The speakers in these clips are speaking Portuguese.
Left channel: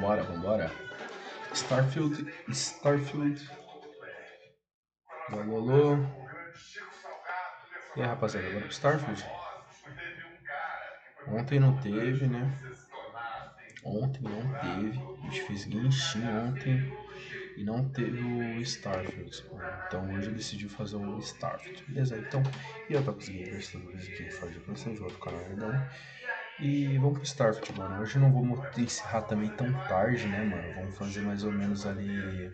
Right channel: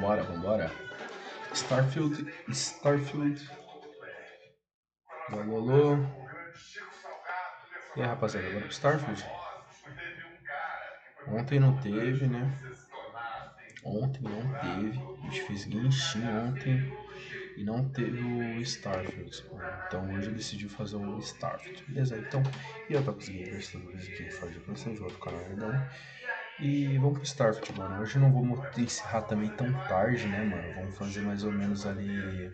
vambora. Starfield. Alô. E aí, rapaziada, agora pro Starfield? Ontem não teve, né? Ontem não teve. A gente fez Genshin ontem e não teve o Starfield. Então hoje eu decidi fazer o Starfield. Beleza? Então, e eu tô com os gamers toda vez aqui, Ford de Play de outro canal Nerdão. E vamos pro Starfield, mano. Hoje eu não vou encerrar também tão tarde, né, mano? Vamos fazer mais ou menos ali.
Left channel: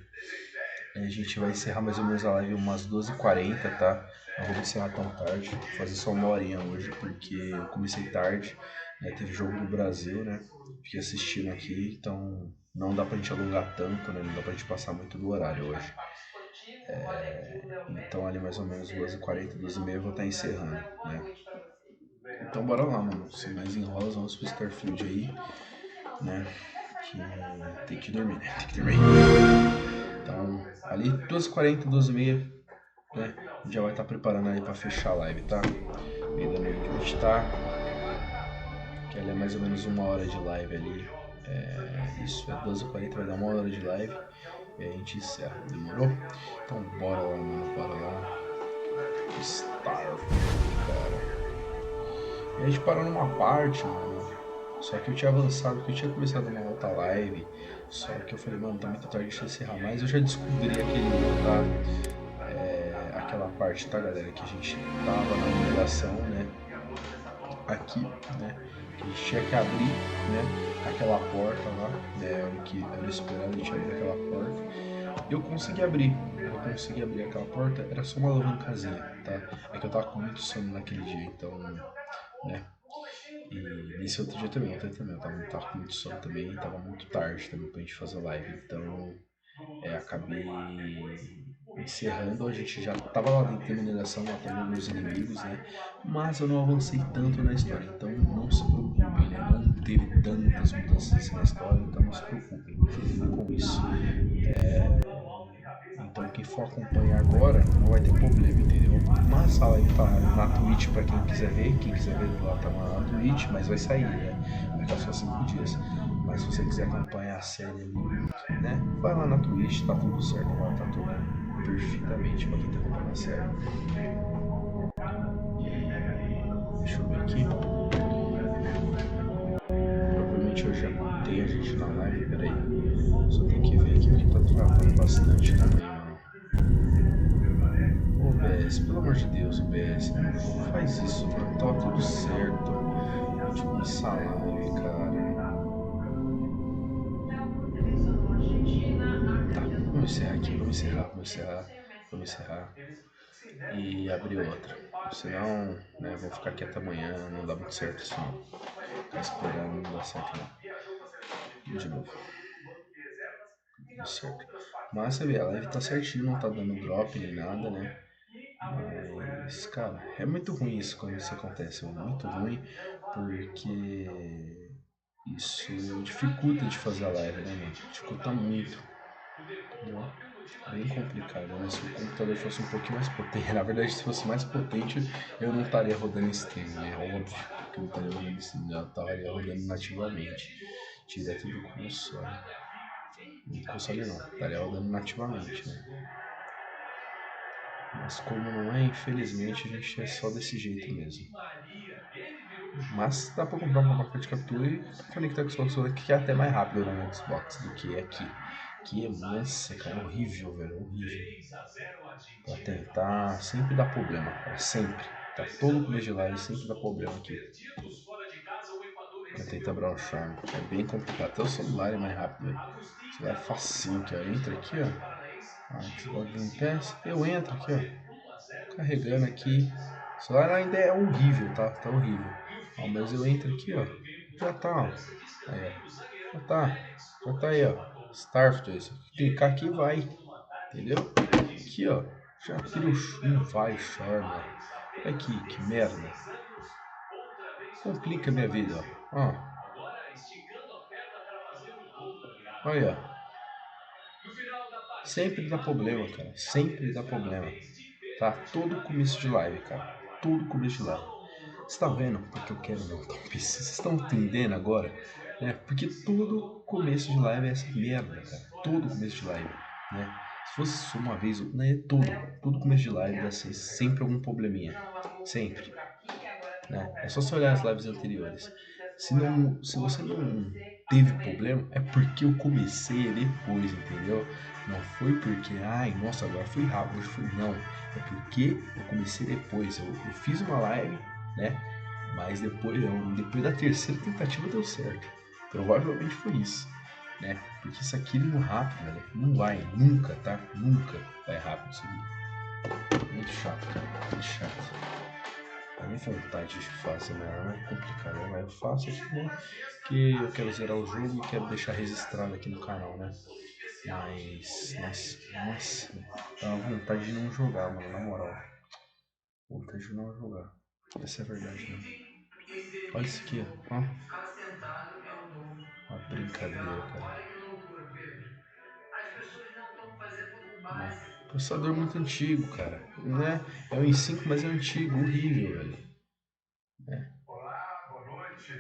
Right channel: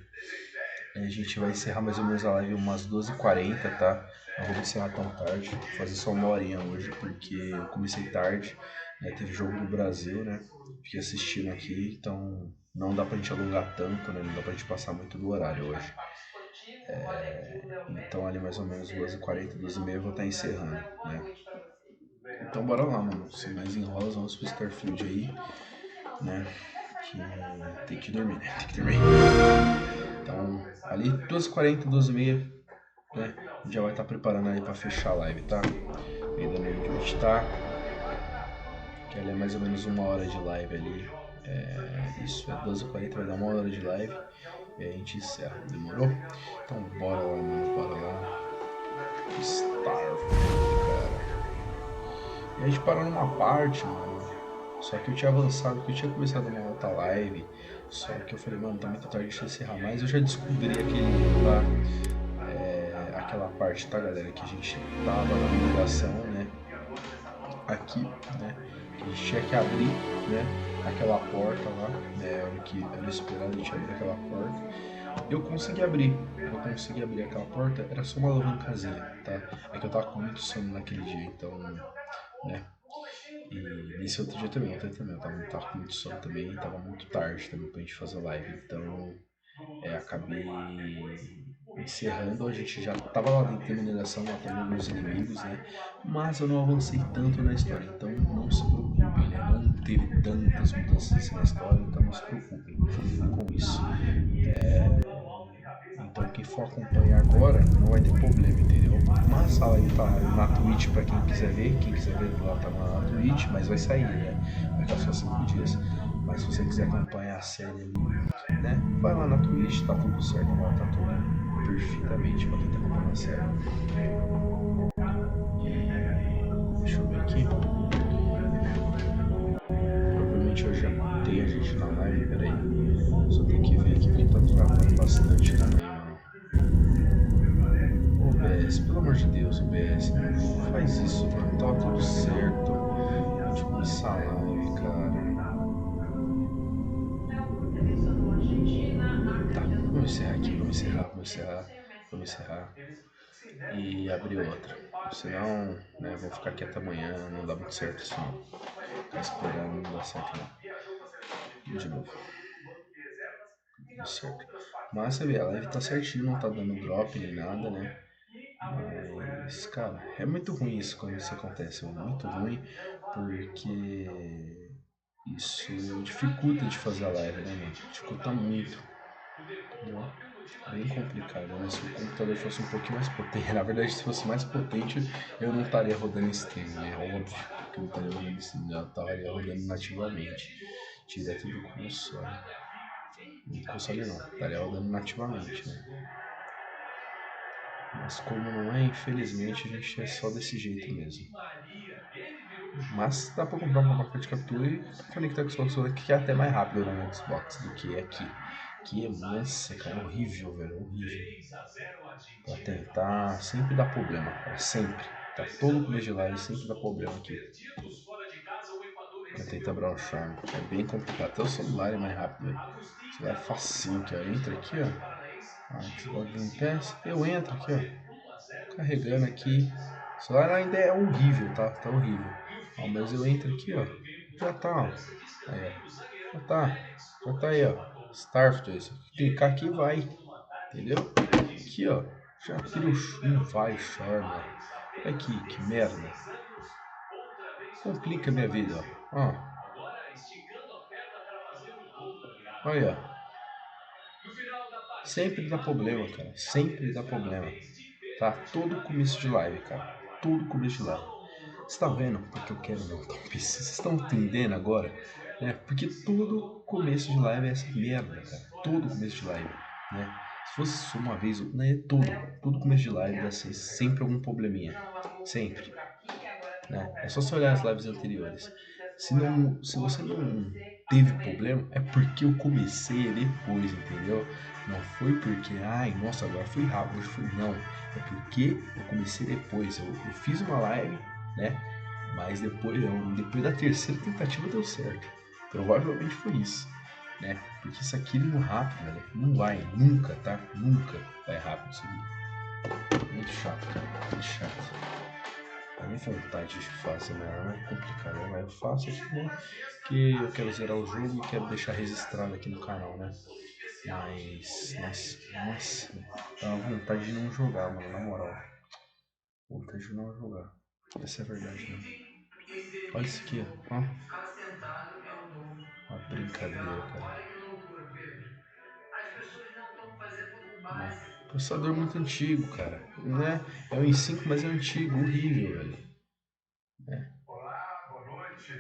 A gente vai encerrar mais ou menos a live umas 12h40, tá? Não vou encerrar tão tarde, vou fazer só uma horinha hoje, porque eu comecei tarde, né? Teve jogo do Brasil, né? Fiquei assistindo aqui, então não dá pra gente alongar tanto, né? Não dá pra gente passar muito do horário hoje. Então ali mais ou menos 12h40, 12h30 eu vou estar encerrando, né? Então bora lá, mano. Sem mais enrolas, vamos pro Starfield aí, né? Que tem que dormir, né? Tem que dormir. Então, ali 12h40, 12h30, né? A gente já vai estar preparando aí pra fechar a live, tá? Ainda no onde a gente tá. Que ali é mais ou menos uma hora de live ali. Isso, é 12h40, vai dar uma hora de live. E aí a gente encerra, demorou? Então bora lá, mano, bora lá. Starfield, cara. E a gente parou numa parte, mano. Só que eu tinha avançado, que eu tinha começado uma outra live. Só que eu falei, mano, tá muito tarde de encerrar. Mas eu já descobri aquele, tá? Aquela parte, tá, galera? Que a gente tava na mineração, né? Aqui, né? Que a gente tinha que abrir, né? Aquela porta lá, né? Era o que era esperado, a gente abrir aquela porta. Eu consegui abrir aquela porta, era só uma alavancazinha, tá? É que eu tava com muito sono naquele dia, então, né? E nesse outro dia também, ontem também, eu tava com muito sono também, tava muito tarde também pra gente fazer live, então acabei encerrando, a gente já tava lá dentro da mineração, matando alguns inimigos, né? Mas eu não avancei tanto na história, então não se preocupem, né? Não teve tantas mudanças assim na história, então não se preocupem com isso. Então quem for acompanhar agora não vai ter problema, entendeu? Mas a live tá na Twitch pra quem quiser ver lá tá na Twitch, mas vai sair, né? Vai ficar só 5 dias. Mas se você quiser acompanhar a série ali, né? Vai lá na Twitch, tá tudo certo lá, tá tudo perfeitamente pra quem tá acompanhando a série. E deixa eu ver aqui. Provavelmente hoje já tem a gente na live, peraí. Só tem que ver aqui porque tá travando bastante também, mano. OBS, pelo amor de Deus, OBS, não faz isso, mano. Tá tudo certo. A gente começar a live, cara. Tá, vamos encerrar aqui, vamos encerrar. E abrir outra. Senão, né, vou ficar aqui até amanhã, não dá muito certo isso não. Ficar esperando não dá certo não. De novo. Tudo certo. Mas você vê, a live tá certinho, não tá dando drop nem nada, né? Mas, cara, é muito ruim isso quando isso acontece, é muito ruim, porque isso dificulta de fazer a live, né, mano? Dificulta muito. Entendeu? Bem complicado, né? Se o computador fosse um pouquinho mais potente, na verdade, se fosse mais potente, eu não estaria rodando stream, né? Óbvio que eu não estaria rodando stream, eu estaria rodando nativamente, direto do console. No console não, estaria rodando nativamente, né? Mas como não é, infelizmente, a gente é só desse jeito mesmo. Mas dá pra comprar uma placa de captura e conectar com o Xbox One, que é até mais rápido no Xbox do que aqui. Que é, nossa, cara, horrível, velho, horrível. Pra tentar, sempre dá problema, cara, sempre. Tá todo começo de live, sempre dá problema aqui. Pra tentar abrir um charme. É bem complicado. Até o celular é mais rápido, velho. O celular é facinho aqui, ó. Entra aqui, ó. Xbox Game Pass. Eu entro aqui, ó. Carregando aqui. O celular ainda é horrível, tá? Tá horrível. Ó, mas eu entro aqui, ó. Já tá, ó. Aí, ó. Já tá. Já tá aí, ó. Starfield. Clicar aqui vai. Entendeu? Aqui, ó. Já vira um vai charme, ó. Olha aqui, que merda. Complica a minha vida, ó. Ó. Olha, sempre dá problema, cara. Sempre dá problema. Tá? Todo começo de live, cara. Todo começo de live. Você tá vendo porque eu quero montar um PC? Vocês estão entendendo agora? né? Porque todo começo de live é essa merda, cara. Todo começo de live, né? Se fosse só uma vez, né? Todo começo de live dá sempre algum probleminha. Sempre, né? É só você olhar as lives anteriores. Se você não teve problema, é porque eu comecei depois, entendeu? Não foi porque, ai, nossa, agora foi rápido, hoje foi. Não, é porque eu comecei depois. Eu fiz uma live, né? Mas depois da terceira tentativa deu certo. Provavelmente foi isso, né? Porque isso aqui no rápido, velho, não vai, nunca, tá? Nunca vai rápido isso aqui. Muito chato, cara, muito chato. A minha vontade de fazer, mas é complicado, né? Mas eu faço aqui, né? Que eu quero zerar o jogo e quero deixar registrado aqui no canal, né? Mas, nossa, dá uma vontade de não jogar, mano, na moral. Vontade de não jogar. Essa é a verdade, né? Olha isso aqui, ó. Ficar sentado é o novo. Uma brincadeira, cara. Olha que loucura, Pedro. As pessoas não estão fazendo o Né? básico. Processador Não muito estão antigo, cara. utilizando o Né? básico. É o i5, mas é antigo, horrível, velho. É. Olá, boa noite.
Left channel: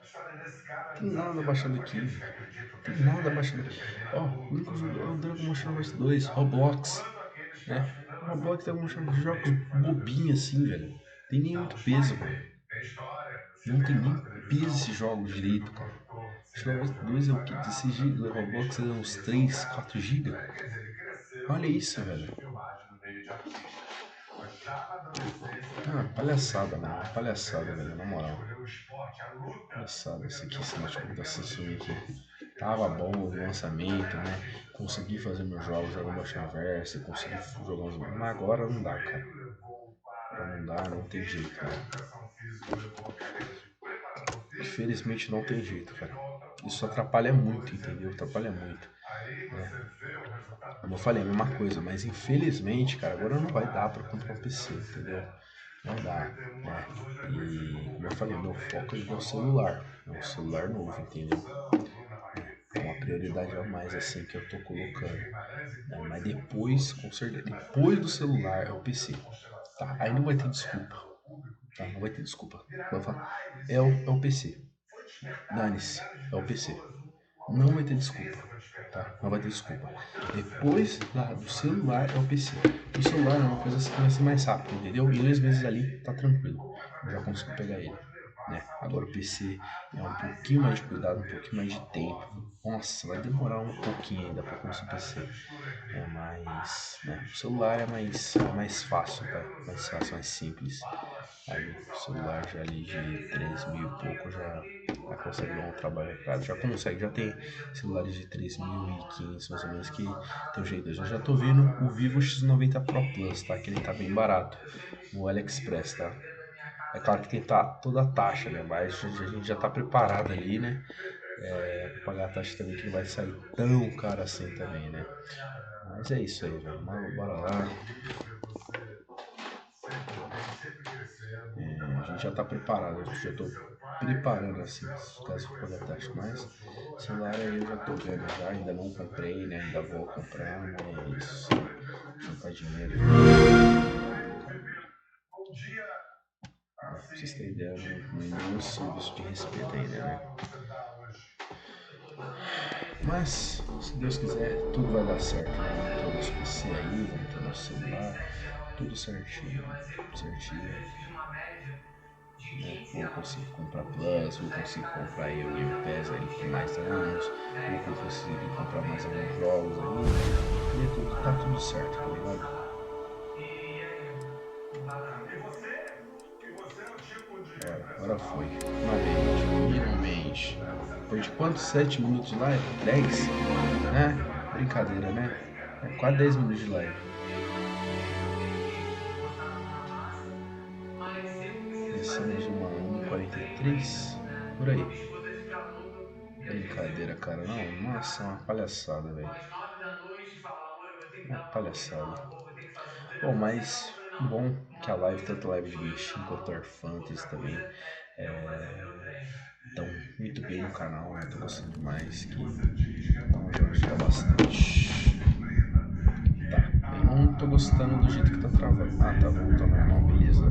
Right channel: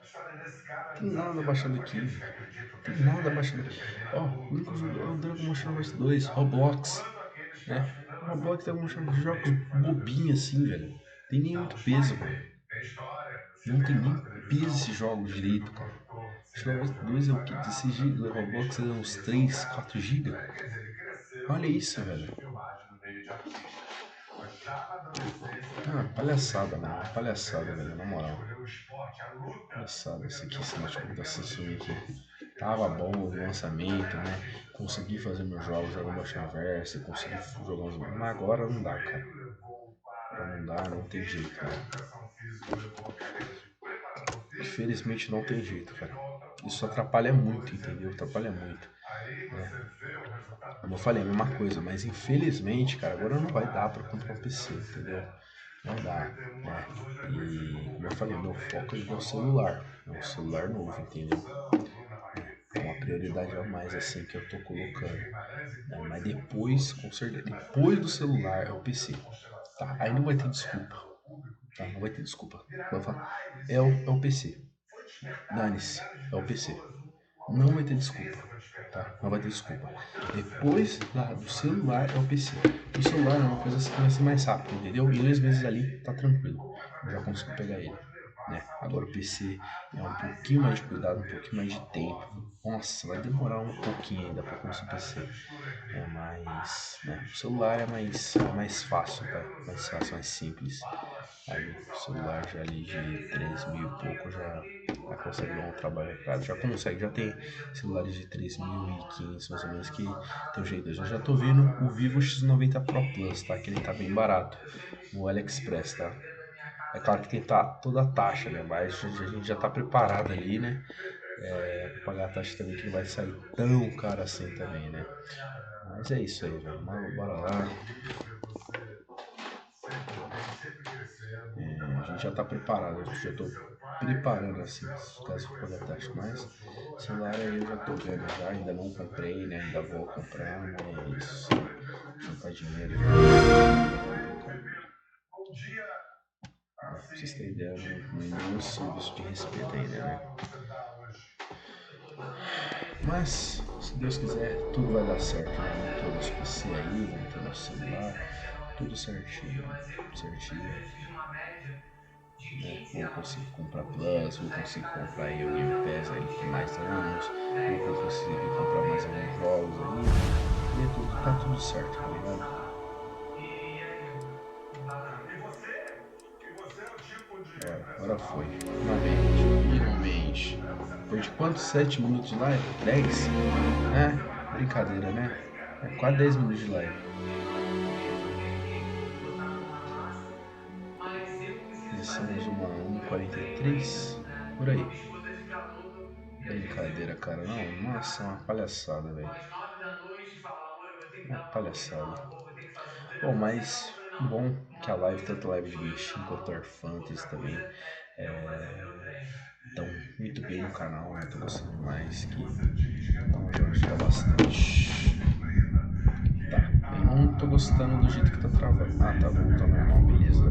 A história desse cara é Tem nada desafiadora baixado para aqui, aqueles velho. que acreditam que a Tem nada genética baixado aqui. determina Ó, o tudo único jogo é sobre o nosso Dragon Ball destino, Xenoverse 2, Roblox. enquanto aqueles que Né? ajudam O a ver o Roblox tem alguns futuro do jogos meio faz a bobinhos pessoa. assim, velho. Tem nem Não, muito os peso, pais mano. tem história, Não tem cinema, nem peso televisão, esses jogos efeito direito, cara. produtor, Xenoverse cinema 2 é o que? falhado, 16 já GB, tudo o Roblox é remexeu uns direção 3, gráfica. 4 GB. Quer dizer, ele cresceu Olha no isso, set de velho. filmagem do meio de artistas. Mas já na adolescência, Ah, por palhaçada, mano. Uma curiosidade, palhaçada, velho, interesse, na moral. escolheu o esporte, a luta, Palhaçada. Esse aqui, esse depois notebook de da anos de Samsung aqui. esforço. Ele Tava está bom o dizendo, não lançamento, é né? artista Consegui sozinho, fazer meus jogos, artista jogar meu marcial. Verse, Aí consegui jogar uns. adulto, quando Mas foi agora para o não dá, cara. joelho, levou Agora para a não dá, educação não tem jeito, física, a velho. educação física levou a cadeira de preparador físico, Infelizmente não e tem isso jeito, de cara. volta Isso por atrapalha muito, fatores entendeu? genéticos. Atrapalha muito, Aí né? você vê o resultado Como do eu falei, a trabalho mesma dele coisa, no mas YouTube, infelizmente, onde cara, até agora não vai dar pra filmagens comprar um dele entraram PC, no entendeu? cinema. Não Aos dá, 91 né? anos, hoje é conhecido E como o como eu falei, Gabriel meu Peire foco dos é o famosos. celular, é um Temos celular o novo, Fábio entendeu? Assunção, Bruna Né? Marquezine, É uma prioridade a Giovanni mais assim que Blanc, eu tô Ives colocando, Guimarães e né? muitos Mas e muitos depois, outros. com certeza, Mas você depois do celular é o preferia PC, uma constelação tá? em Aí não vai aulas ter abertas desculpa, ao público tá? que Não vai ter desculpa. Vai viraram falar, lives é o e PC, foi despertado em dane-se, milhares de é o PC. pessoas uma Não outra vai ter desculpa, consciência foi despertada tá? Não por vai ter a desculpa. importância Depois do celular é o PC. O celular é uma coisa que vai ser mais rápido, entendeu? Em 2 meses ali tá tranquilo. como Eu já através da consigo internet pegar ele, pode levar a né? Agora o saúde PC a é um mais e pouquinho mais de mais cuidado, um brasileiros pouquinho mais de tempo. famosos Nossa, vai e demorar um famosos pouquinho ainda para para conseguir tratar essa PC. mistura É entre mais, né? O arte, celular é esporte, mais saúde fácil, tá? correndo no Mais fácil, sangue, mais simples. bala, chega Ali, o o celular já salgado. ali E de 3 mil e pouco já consegue dar um Roberta trabalho. também, Cara, já consegue, já sempre tem apresentou celulares de 3.500 mais ou menos na que sua tem um casa, jeito. Eu já mas tô não vendo fala o Vivo assim. X90 Pro Plus, tá? E Que ele tá bem sentido, barato eu sempre no vi AliExpress, você tá? aqui dentro da minha É casa, claro que tem toda a taxa, né? inclusive Mas comendo a muito gente já tá mal. preparado ali, né? É isso aí, Pra eu pagar a taxa também que não vai difícil sair eu tão conseguir caro assim também, né? assinatura da minha. Mas é isso aí, Eu velho. também, Bora meu lá. amigo, ver você sempre bem, sempre crescendo, muito A gente já tá trabalhado. preparado, Como eu já disse tô seu pai, preparando quando se assim, tratou de caso for pagar conhecer a o taxa. Brasil, Mas chorou na celular aí eu já tô Caneca, vendo já, ainda não você comprei, né? também, Ainda você vou está comprar, sempre né? É envolvido, isso. aprendendo Juntar isso. dinheiro, E juntar dinheiro hoje, é no complicado. envolvimento, um dia Né? Pra vocês terem assim, ideia, típico não é nenhum seu, serviço de quantas respeito horas de ainda, né? aula você dá hoje? Eu estou dando 10 Mas, se Deus quiser, tudo vai dar certo, né? Vamos ter o nosso PC aí, vamos ter o nosso 6, celular, 7 aulas tudo por dia, certinho, mas eu, certinho, às vezes, fiz uma média de né? 15 Vou aulas conseguir comprar por dia. Plus, vou Daí a conseguir cada comprar aí o 5 Game anos Pass eu aí por mais chego a anos, vou 10 aulas. conseguir Todo comprar mais mês, alguns 10 jogos aí, aulas, 10 e é aulas, tudo, tá tudo certo, tá para ligado? fixar. E é bacana. E você é o tipo de Agora foi, profissional que finalmente, você, finalmente. você não Depois fica de quantos? parado 7 minutos de live? 10? não, É, você vai lá e faz brincadeira, muito né? bem, cara. É Tem quase 10 aulas minutos de que live. eu tenho que botar a mão na massa, mas eu preciso Começamos fazer uma o meu treino aí, 1h43, né? por Então a aí. minha esposa fica louca, porque às vezes Brincadeira, eu cara. Não, chego em nossa, é uma casa palhaçada, velho. às 9 da noite e falo, amor, eu vou ter que Uma dar uma corrida na palhaçada. rua, vou ter que fazer um treino. Bom, Ela fala, você mas não? Eu falei, não, bom que a uma live, coisa tanto a live de sou eu Genshin na quanto a rua, War Fantasy outra coisa também, é eu fazer o meu treino. estão muito bem no Essa canal, né? Tô coisa gostando demais, que que você diz que é vão modelo ajudar de agora, é uma bastante. disciplina Tá, que eu não tô gostando do jeito que tá travando. Ah, tá voltando normal, beleza.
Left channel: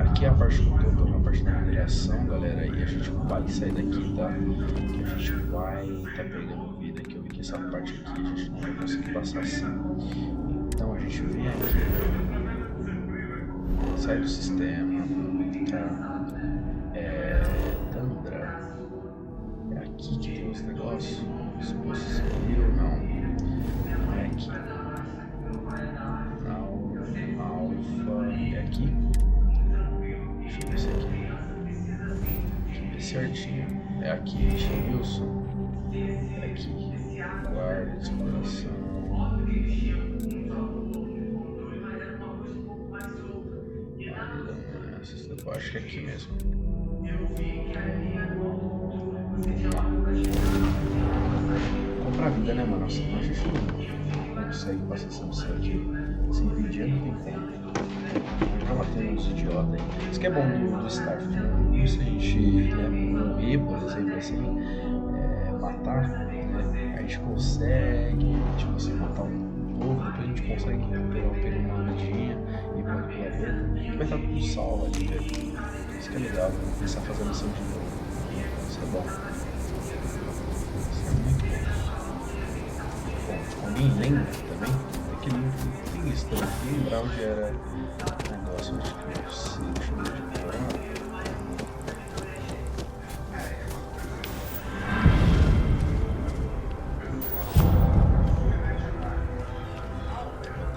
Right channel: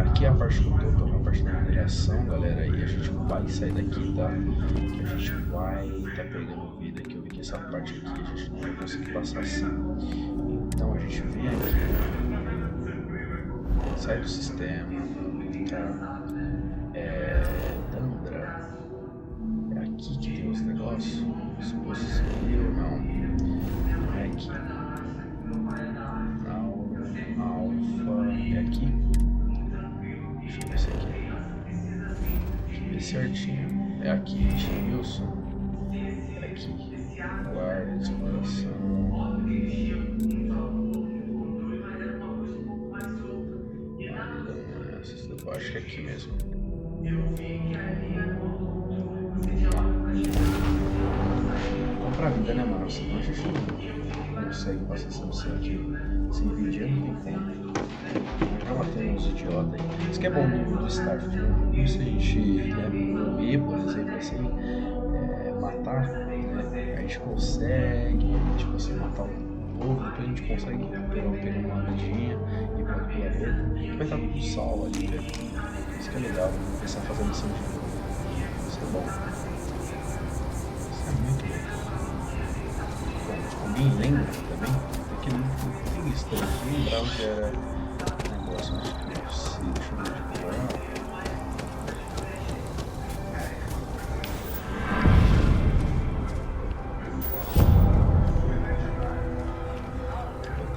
Aqui é a parte que eu tô na parte da mineração, galera, e a gente vai sair daqui, tá? Que a gente vai tá pegando vida aqui. Eu vi que essa parte aqui a gente não vai conseguir passar assim. Então a gente vem aqui, sai do sistema, tá? Tandra. É aqui que tem os negócios? Exposto civil, não. Não é aqui. Não, alfa. É aqui? Deixa eu ver se é aqui. Deixa eu ver certinho. É aqui, Wilson. É aqui. Guarda de exploração. Eu acho que é aqui mesmo. Vamos lá. Comprar vida, né, mano? Senão a gente não consegue passar essa missão aqui. Sem vídeo não tem como. Já matei uns idiotas aí. Isso que é bom do Starfield. Como se a gente morrer, por exemplo, assim, matar, né? A gente consegue, tipo assim, matar um povo, depois a gente consegue pegar uma vidinha e ir para o planeta. Que vai estar tudo salvo ali, velho. Isso que é legal, né? Começar a fazer a missão de novo. Isso é bom. Isso é muito bom. Bom, alguém lembra também? Tem isso também. Lembrar onde era o negócio. Acho que não sei. Deixa eu ver de fora.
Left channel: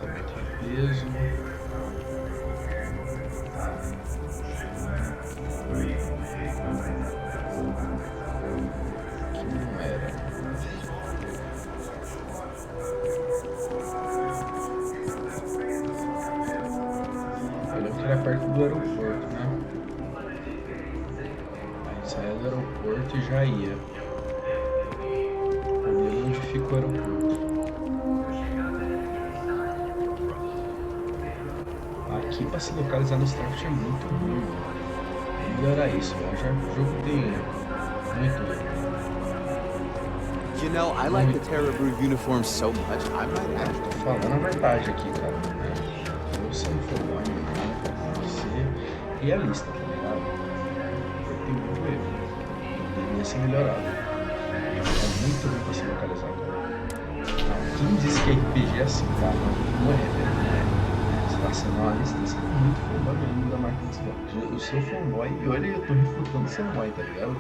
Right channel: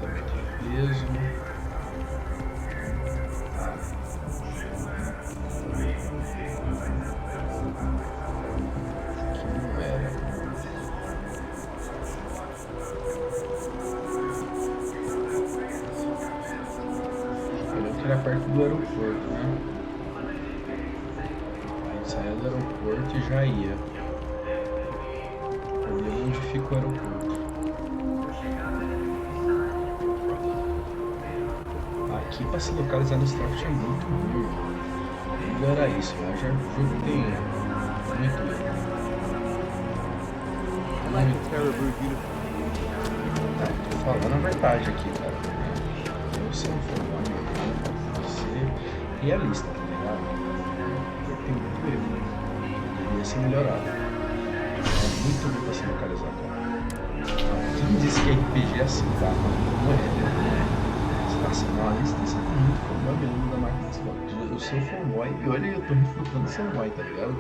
Também tem peso. Tá. Aqui não era. Eu lembro que era perto do aeroporto, né? A gente saía do aeroporto e já ia. O problema é onde fica o aeroporto. Aqui pra se localizar no Starfield é muito ruim, mano. Vamos melhorar isso, velho. Já o jogo tem muito erro. You know, I like the Terrabrew uniform so much. Tô falando a verdade aqui, cara. Se eu não for bom em nada, tem que ser realista, tá ligado? Porque tem muito erro. Deveria ser melhorado. É muito ruim pra se localizar, cara. Não, quem disse que RPG é assim, cara? Não é, velho. Não é. Você tá sendo uma lista, você é muito fanboy mesmo da marca de Xbox. Eu sou fanboy e olha, eu tô refutando o fanboy, tá ligado?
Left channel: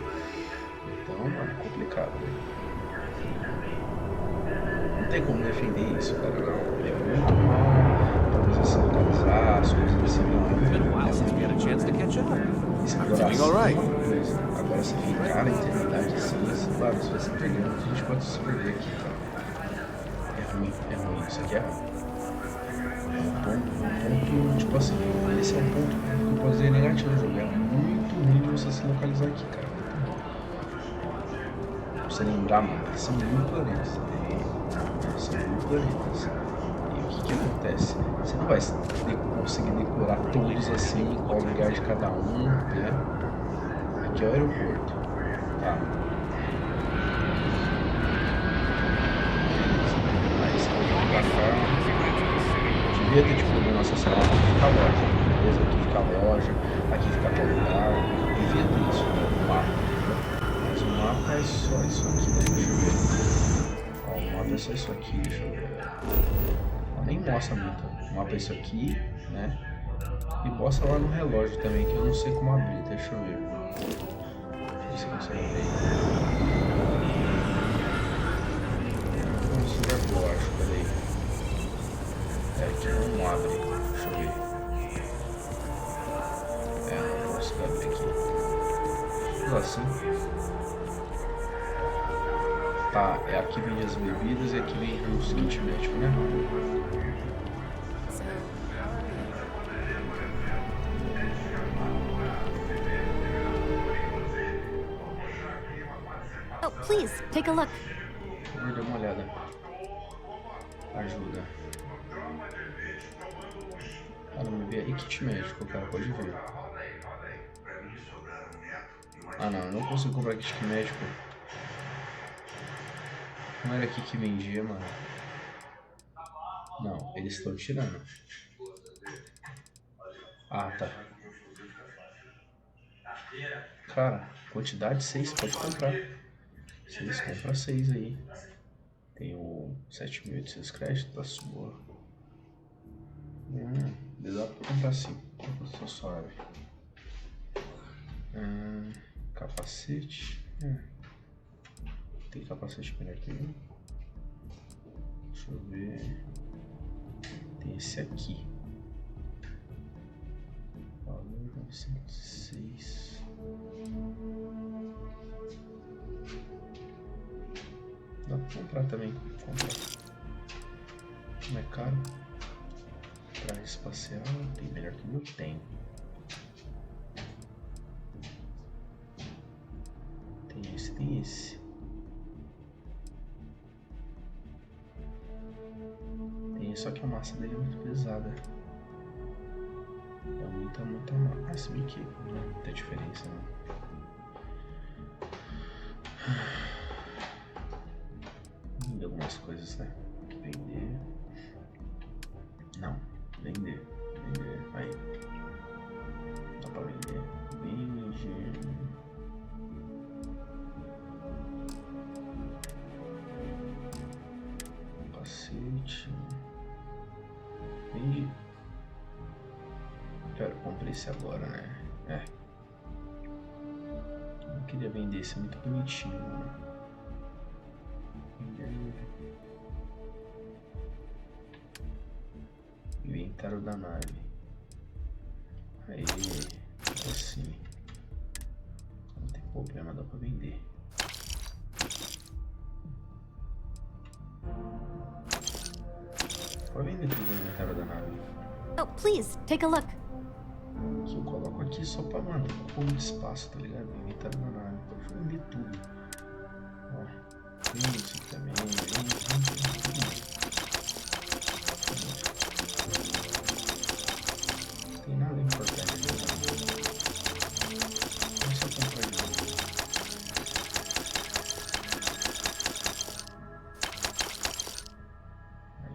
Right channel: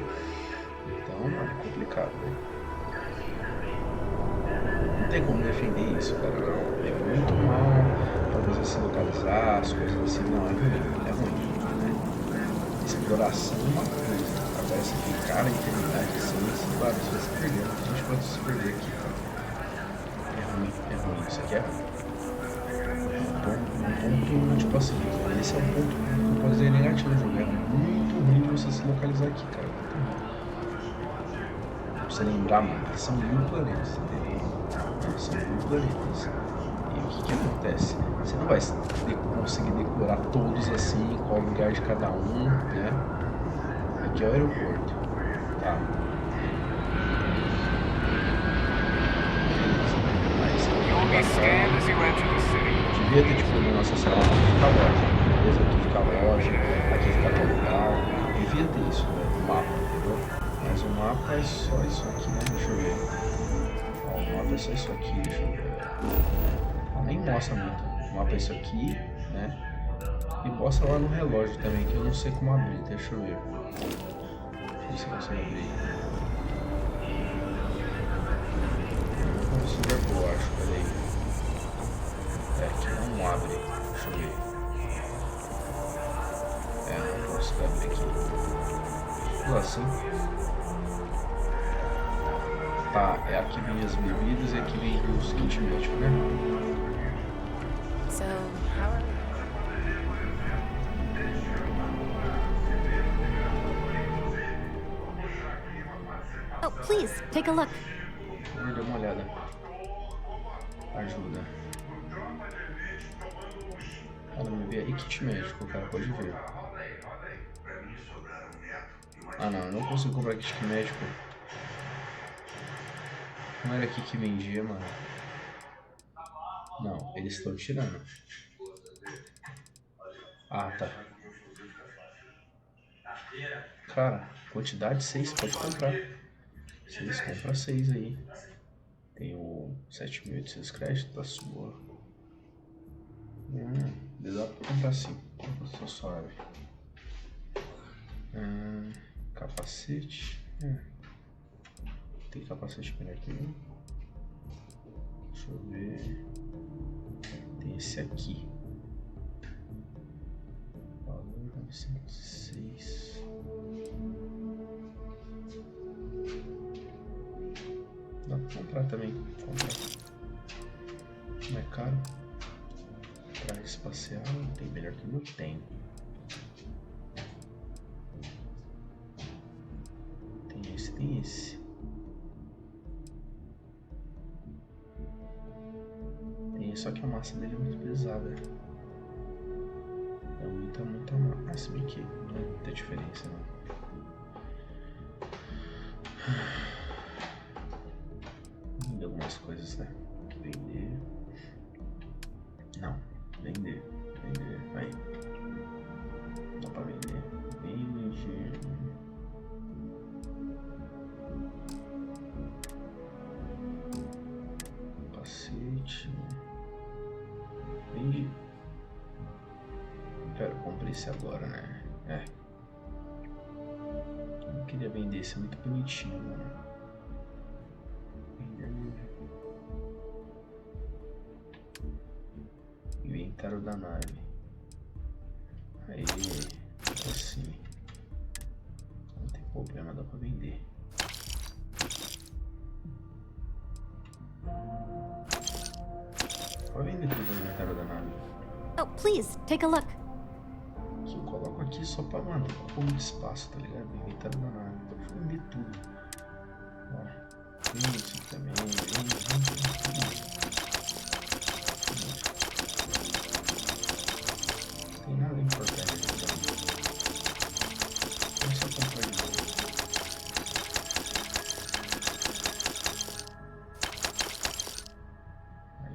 Então, mano, é complicado, velho. Não tem como defender isso, cara, não. É muito mal pra você se localizar, as coisas assim, não, é ruim. Exploração é uma coisa. Agora você ficar na eternidade assim, claro, você vai se perdendo. A gente pode se perder aqui, cara. É ruim, isso aqui é ruim. É um ponto, tipo assim, esse é um ponto que eu posso dizer negativo do jogo. É muito ruim de você se localizar aqui, cara. Muito ruim. Pra você lembrar, mano, que são 1000 planetas, entendeu? São 1000 planetas. E o que acontece? Você não vai conseguir decorar todos assim, qual lugar de cada um, né? Aqui é o aeroporto. Tá. Mas devia ter tipo na nossa sala, aqui fica a loja, beleza? Aqui fica a loja, aqui fica tal lugar. Devia ter isso, né? No mapa, entendeu? Mas o mapa é só isso aqui, né? Deixa eu ver. Ó, o mapa é só isso aqui, deixa eu ver. Ó, nem mostra muito. O mapa é isso aqui, né? E mostra lá no relógio também, que eu não sei como abrir, deixa eu ver. Deixa eu ver se eu consigo abrir. Não consigo abrir, eu acho, peraí. Aqui não abre, deixa eu ver. Não consigo abrir aqui. Tudo assim. Tá, aqui vem as bebidas e aqui vem os kits médicos, né? So, how are you? Oh, please, take a look. Vou dar uma olhada. Ajuda. Cara, me vê aí kit médico, cara, pode ver. Ah não, eu não consigo comprar kit médico. Não era aqui que vendia, mano. Não, eles estão tirando. Ah, tá. Cara, quantidade 6, pode comprar. 6, compra 6 aí. Tem o 7.800 créditos da sua. Dá pra comprar sim. Tô suave. Capacete. Tem capacete melhor que um. Deixa eu ver. Tem esse aqui. Valor 906. Dá pra comprar também. Comprar. Não é caro. Traje espacial. Tem melhor que o meu? Tem. Tem esse, tem esse. Tem esse, só que a massa dele é muito pesada. É muita massa. Ah, se bem que não é muita diferença, não. Vender algumas coisas, né? Vender. Não, vender. Aí. Dá pra vender. Vende. Capacete. Vende. Pera, eu comprei esse agora, né? Eu não queria vender esse, é muito bonitinho, mano. Vender. Inventário da nave. Aí, assim. Não tem problema, dá pra vender. Pode vender tudo no inventário da nave. Oh, please, take a look. Que eu coloco aqui só pra, mano, ocupar muito espaço, tá ligado? Inventário da nave. Pode vender tudo. Ó, vende isso aqui também. Vende tudo. Não tem nada importante aqui, tá? É só comprar de novo. Aí,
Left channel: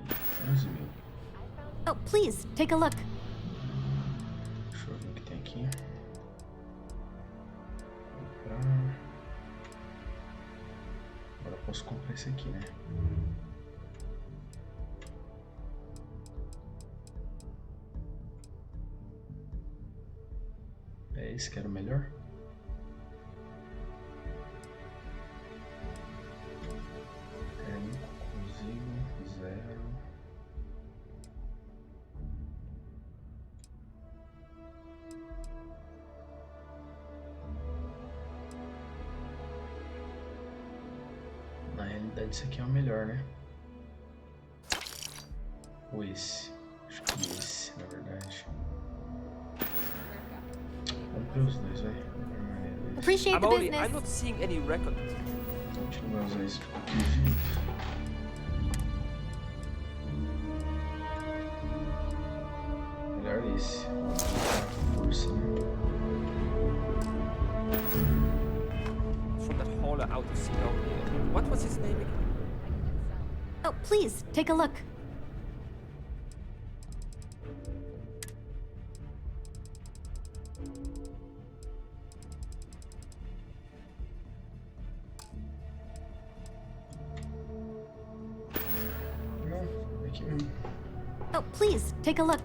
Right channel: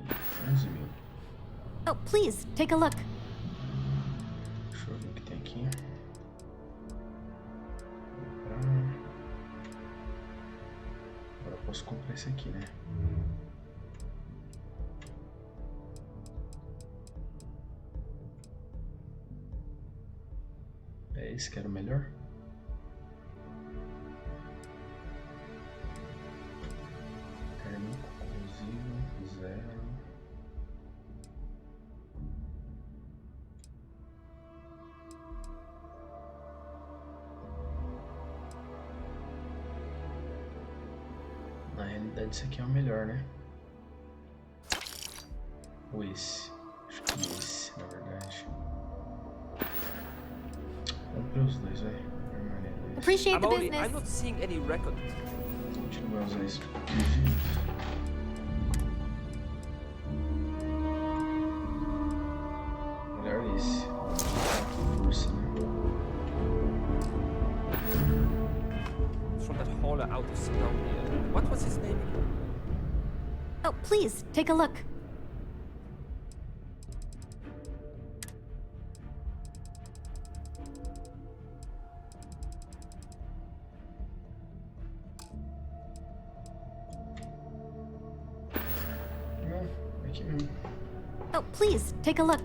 11 mil. Oh, please, take a look. Deixa eu ver o que tem aqui. Comprar. Agora eu posso comprar esse aqui, né? É esse que era o melhor? Térmico, corrosivo, 0. Na realidade esse aqui é o melhor, né? Ou esse? Acho que esse, na verdade. Comprei os dois, velho. Appreciate the I'm business. not seeing any record. A gente não vai usar isso de qualquer jeito. Melhor esse. Força, né? From that hauler out of Sidonia. What was his name again? Oh, please, take a look. Não, é aqui mesmo. Oh, please, take a look.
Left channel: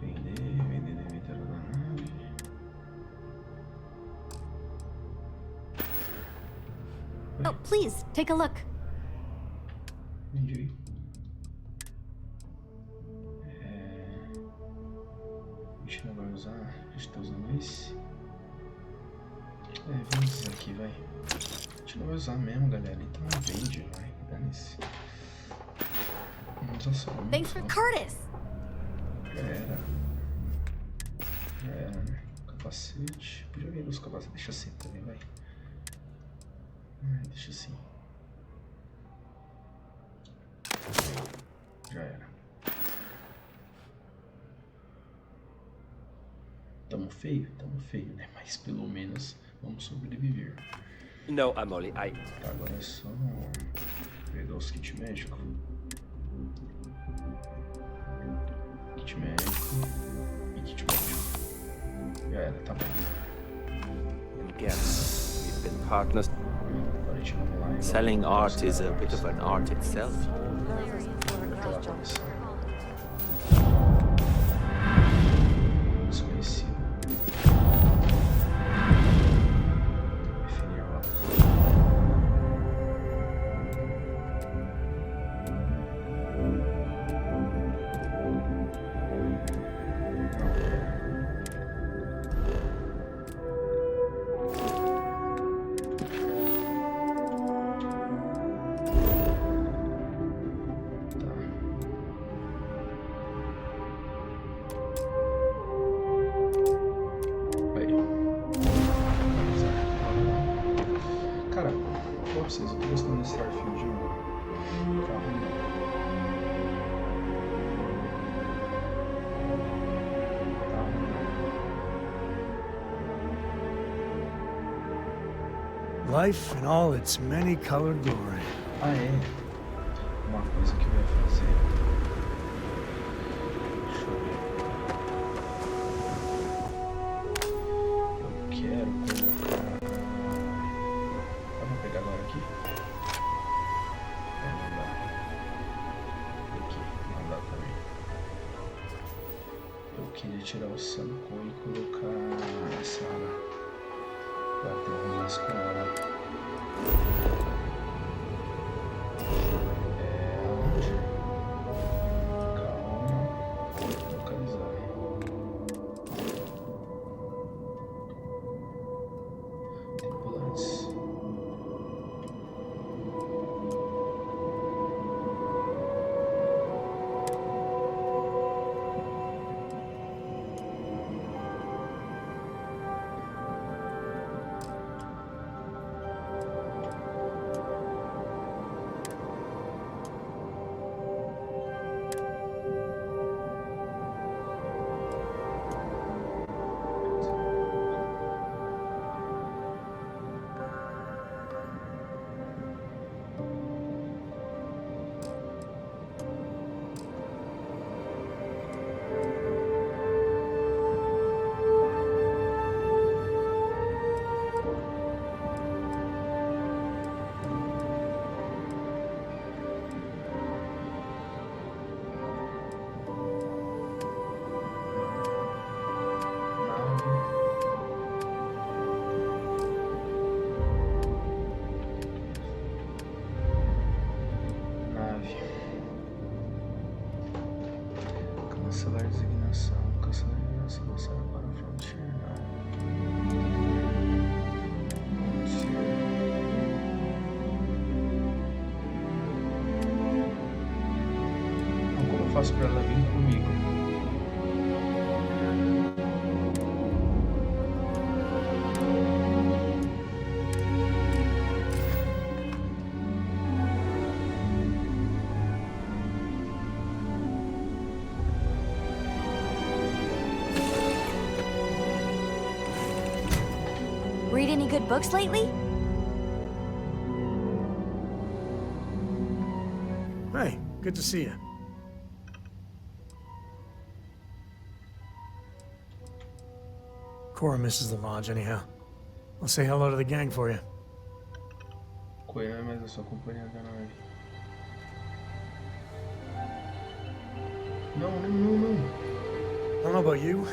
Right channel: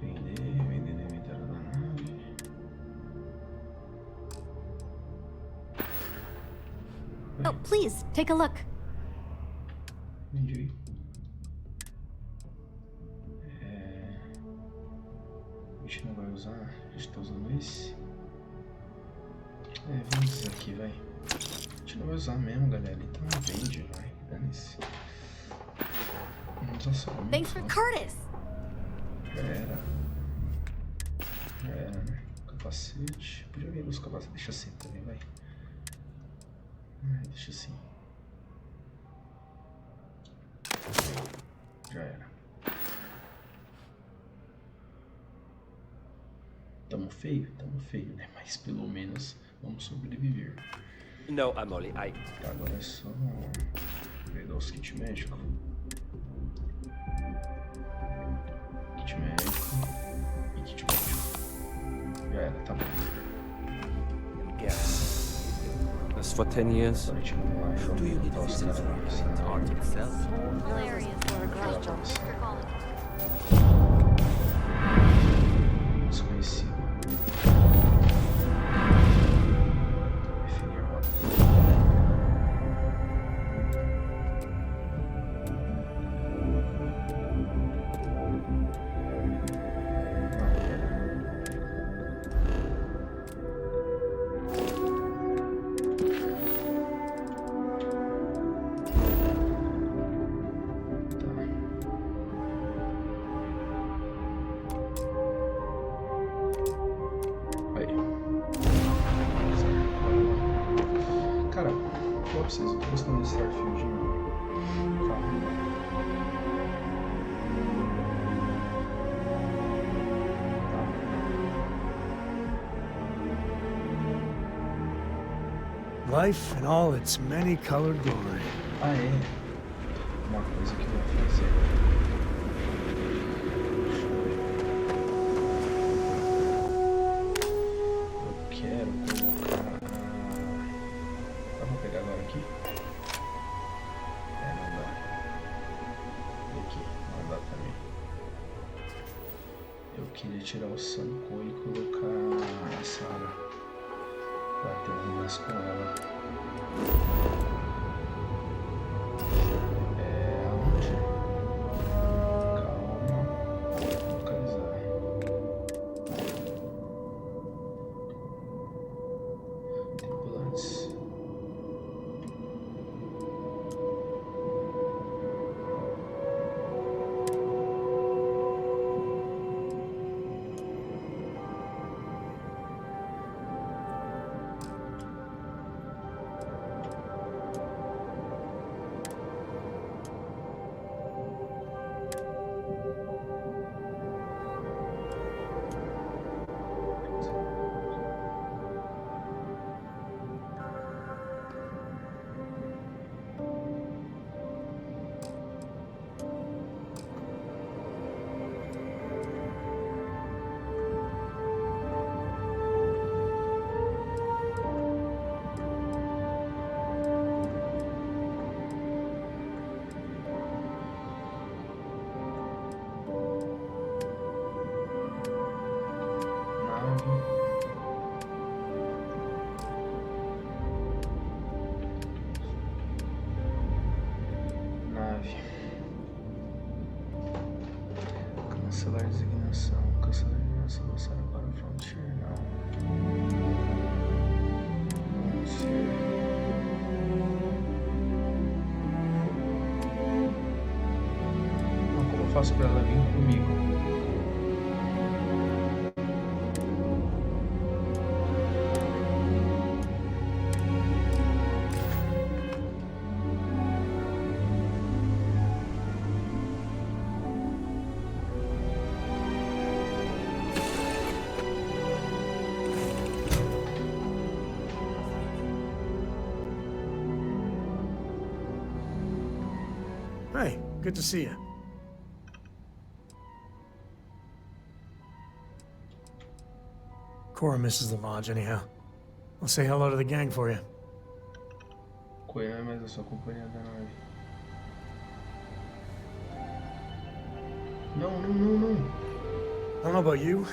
Vender no inventário da nave. Oh, please, take a look. Vendi. A gente não vai usar, a gente tá usando esse. Vende esses aqui, vai. A gente não vai usar mesmo, galera. Então vende, vai. Dane-se. Vamos usar só um. Thanks for Curtis. Já era, né? Capacete. Podia vender os capacetes. Deixa assim também, vai. Deixa assim. Já era. Tamo feio, né? Mas pelo menos vamos sobreviver. No, I'm only. Tá, agora é só pegar os kits médicos. Kit médico e kit médico. Já era, tá bom. And guess we've been partners for 10 years. Agora a gente vai lá e Selling art is a bit of an art itself. Desconhecido. Definir rota. Não, pera. Tá. Aí. Certo, bora lá. Cara, vou pra vocês, eu tô gostando de Starfield, meu. Tá ruim não. Tá ruim não. Life in all its many-colored glory. Ah, é. Uma coisa que eu ia fazer. Deixa eu ver. Eu quero colocar. Ah, vou pegar agora aqui. É, não dá. Aqui, não dá também. Eu queria tirar o Sanko e colocar a Sarah. Pra ter um romance com ela. É aonde? Calma. Localizar. Tripulantes. Nave. Cancelar designação. Cancelar designação. Lançar para o Frontier. Não. Anunciar. Não, como eu faço para ela vir comigo? Read any good books lately? Hey, good to see you. Cora misses the lodge anyhow. I'll say hello to the gang for you. Coelho é mais a sua companhia da nave. Não, não, não, não. I don't know about you,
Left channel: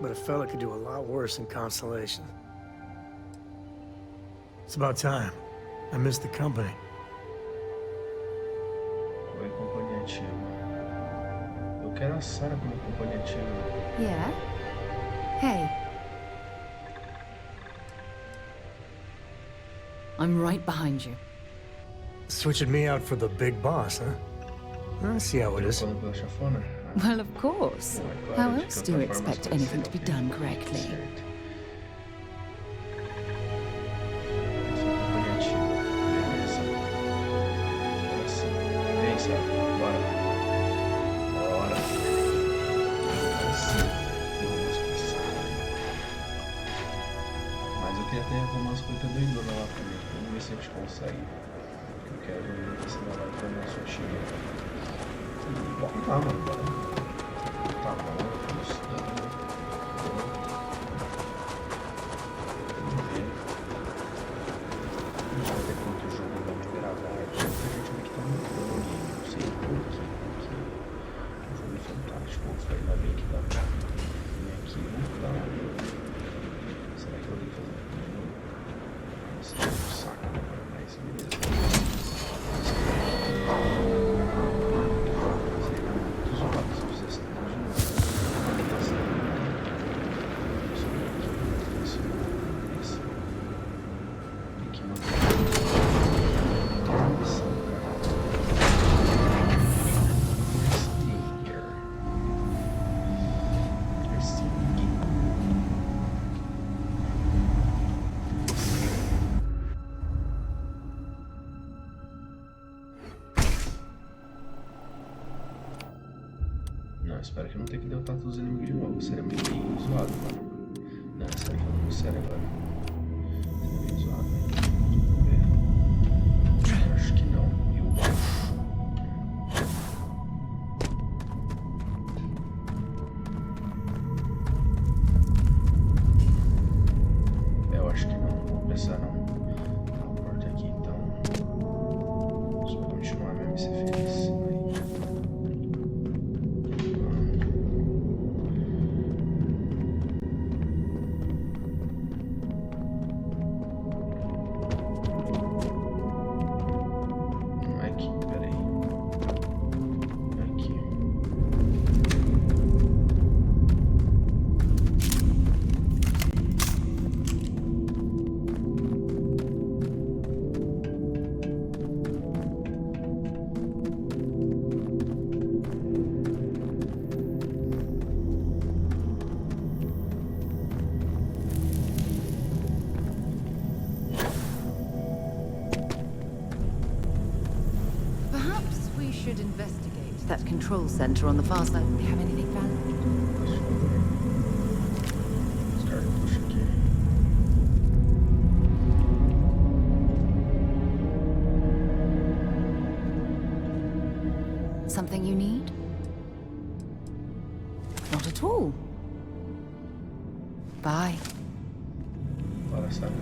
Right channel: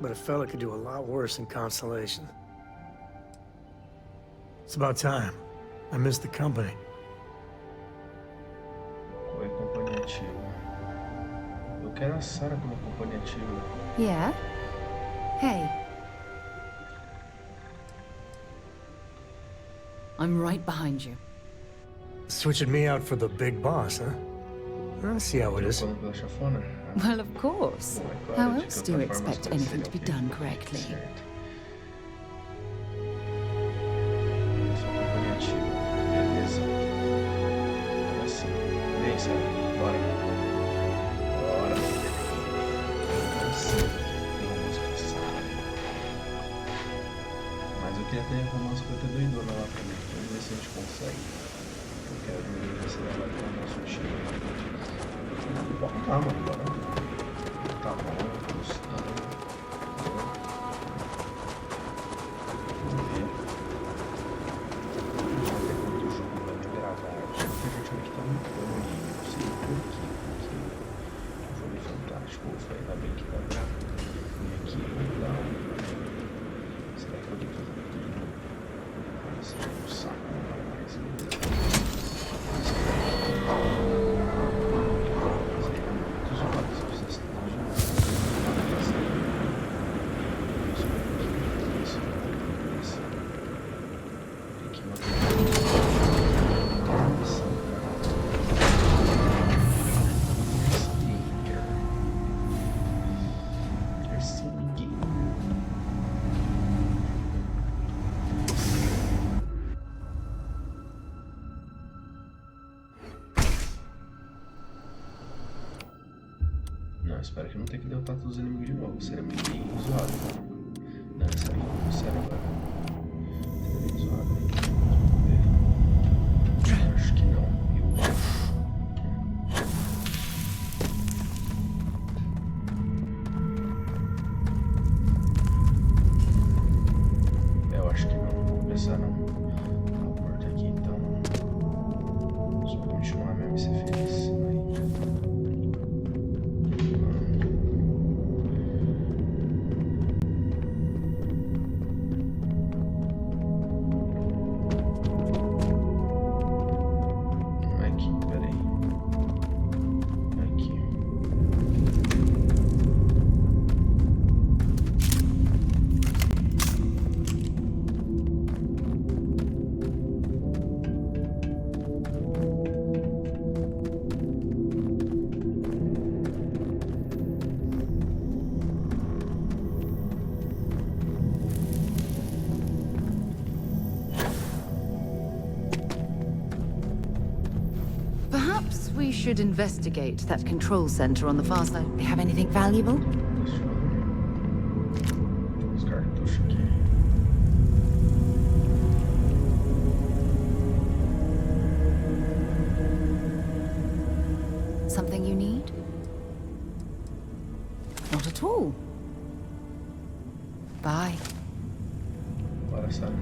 but a fella could do a lot worse in Constellation. It's about time. I miss the company. Qual é a companhia ativa? Eu quero a Sarah como companhia ativa. Yeah? Hey, I'm right behind you. Switching me out for the big boss, huh? I see how it is. Trocando pela chafona? Well, of course. Bom, é claro, How de else do you qualquer forma, as expect coisas anything to be seriam done feitas. correctly? Certo. Sua companhia ativa. Beleza. Agora sim. Vem, Sarah. Bora. Bora. Agora sim. Tem romance com a Sarah. Mas eu queria ter romance com a doidona lá também. Vamos ver se a gente consegue. Eu quero ver se ela vai para o nosso time. E bora lá, mano. Bora. Tá bom, tô gostando. Vamos ver. Vamos ver até quanto o jogo vai me agradar. Muita gente vê que tá muito bom o game, não sei por quê, porque o jogo é fantástico. Ufa, ainda bem que dá pra vir aqui e voltar. Será que eu vou ter que fazer tudo de novo? Ah, isso é um saco, né? Mas beleza. Seria muito zoado se eu fizesse tudo de novo. Ah, passa. Isso aqui, isso não, esse. Tem que manter a missão, cara. Não, espero que eu não tenha que derrotar todos os inimigos de novo. Seria meio zoado, mano. Não, sério, falando sério agora. Seria meio zoado, hein? Vamos ver. Eu acho que não. Eu acho. Eu acho que não. Vou pensar não. Tá a porta aqui, então. Só continuar mesmo e ser feliz. Aí. Perhaps we should investigate that control center on the far side. They have anything valuable? Por favor. Os cartuchos aqui. Something you need? Not at all. Bye. Bora, Sarah.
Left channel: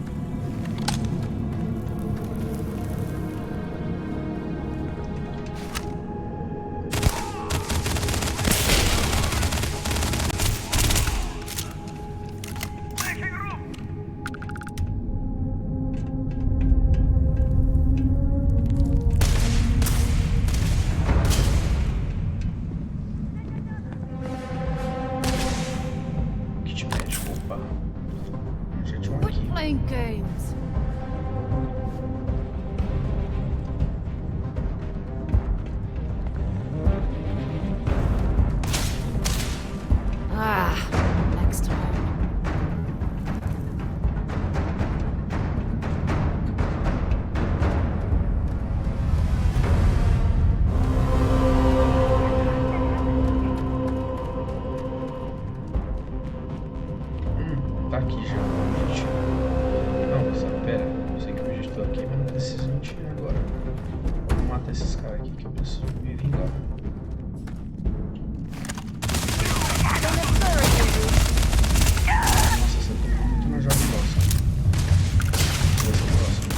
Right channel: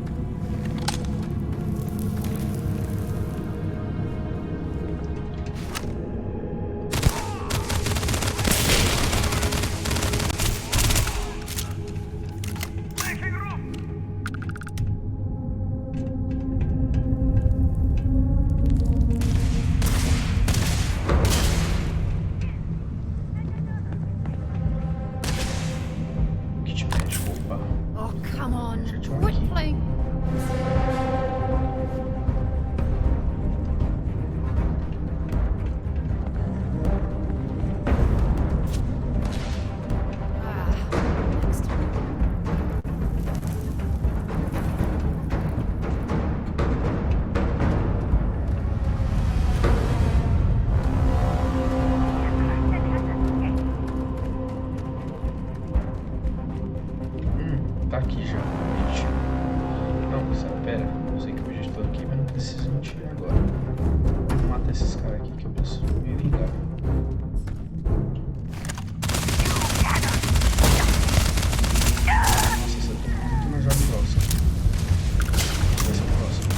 Kit médico, opa. Oh, come on. Já tinha um Quit aqui. playing games. Ah, next time. Tá aqui já, realmente. Não, Sarah, pera. Eu sei que o bicho tá aqui, mas não preciso mentir agora. Vou matar esses caras aqui que eu preciso me vingar. Nossa, você tomou muito na jogada grossa. Vai ser o próximo.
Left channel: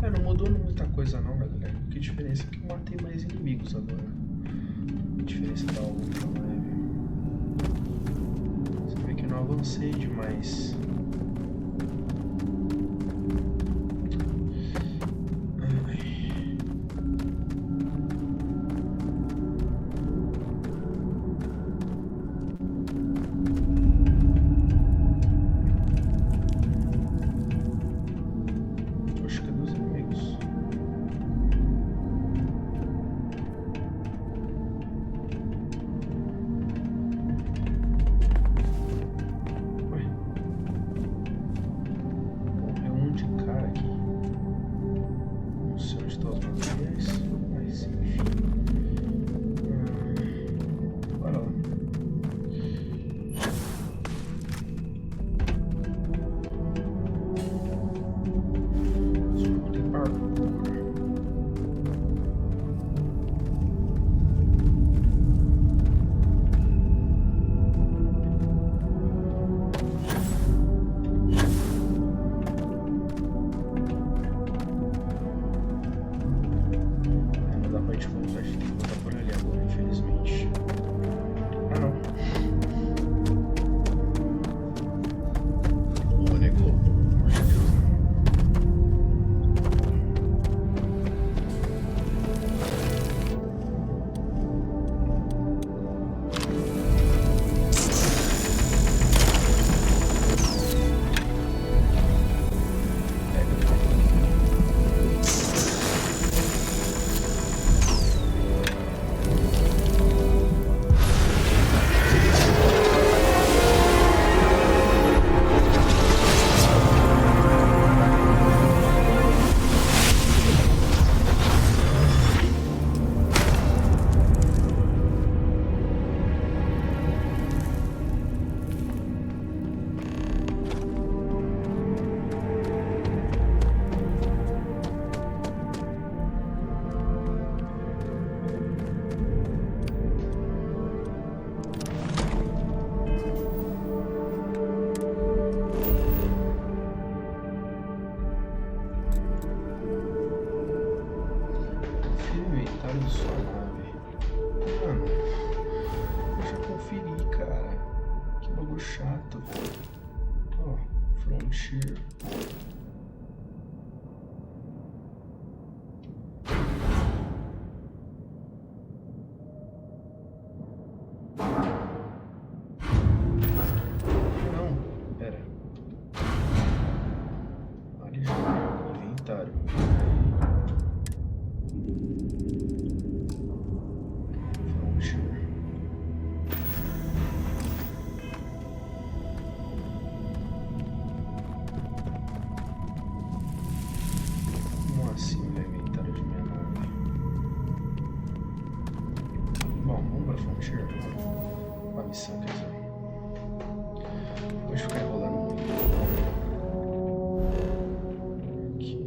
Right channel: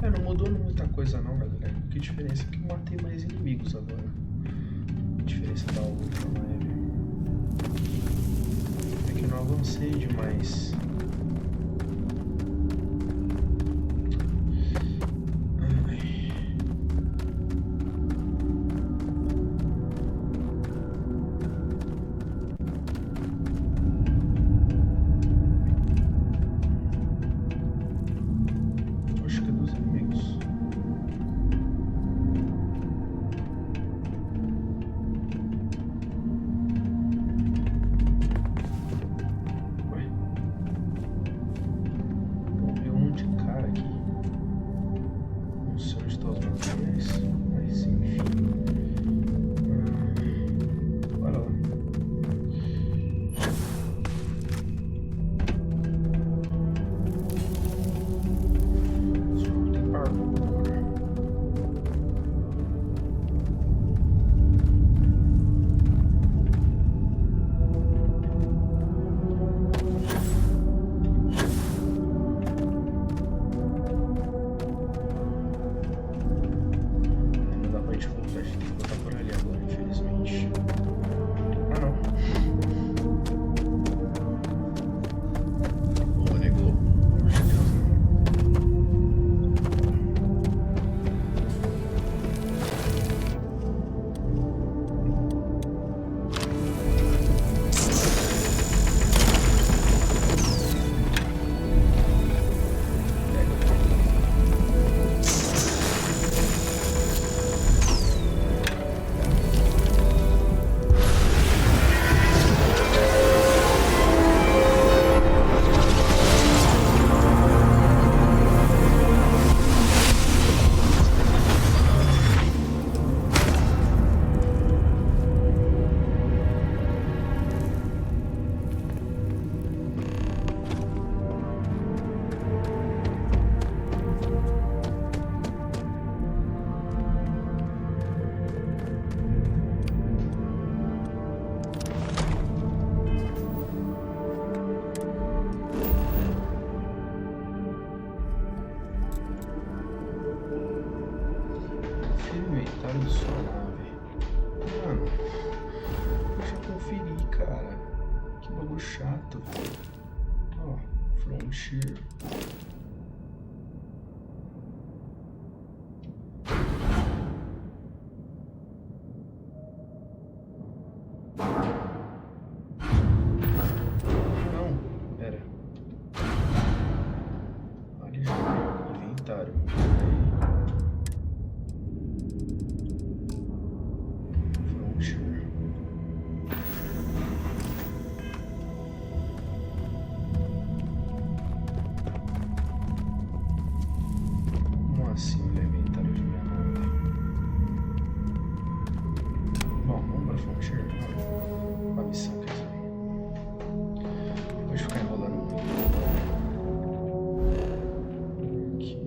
É, não mudou muita coisa não, galera. Que diferença é que eu matei mais inimigos agora. A diferença da outra live. Você vê que eu não avancei demais. Acho que é dos inimigos. Ué. Morreu um monte de cara aqui. Não sei onde estão os materiais, mas enfim. Bora lá. Esse jogo tem parkour. Não dá pra gente voltar, a gente tem que voltar por ali agora, infelizmente. Ah, não. Ô, negou. Pelo amor de Deus, né? Confira o inventário da sua nave. Mano, eu já conferi, cara. Que bagulho chato. Ó, Frontier. Não, pera. Ali já, inventário. Frontier. Como assim o inventário de minha nave? Bom, vamos pra Frontier. Uma missão, quer dizer. Pode ficar enrolando muito. Aqui.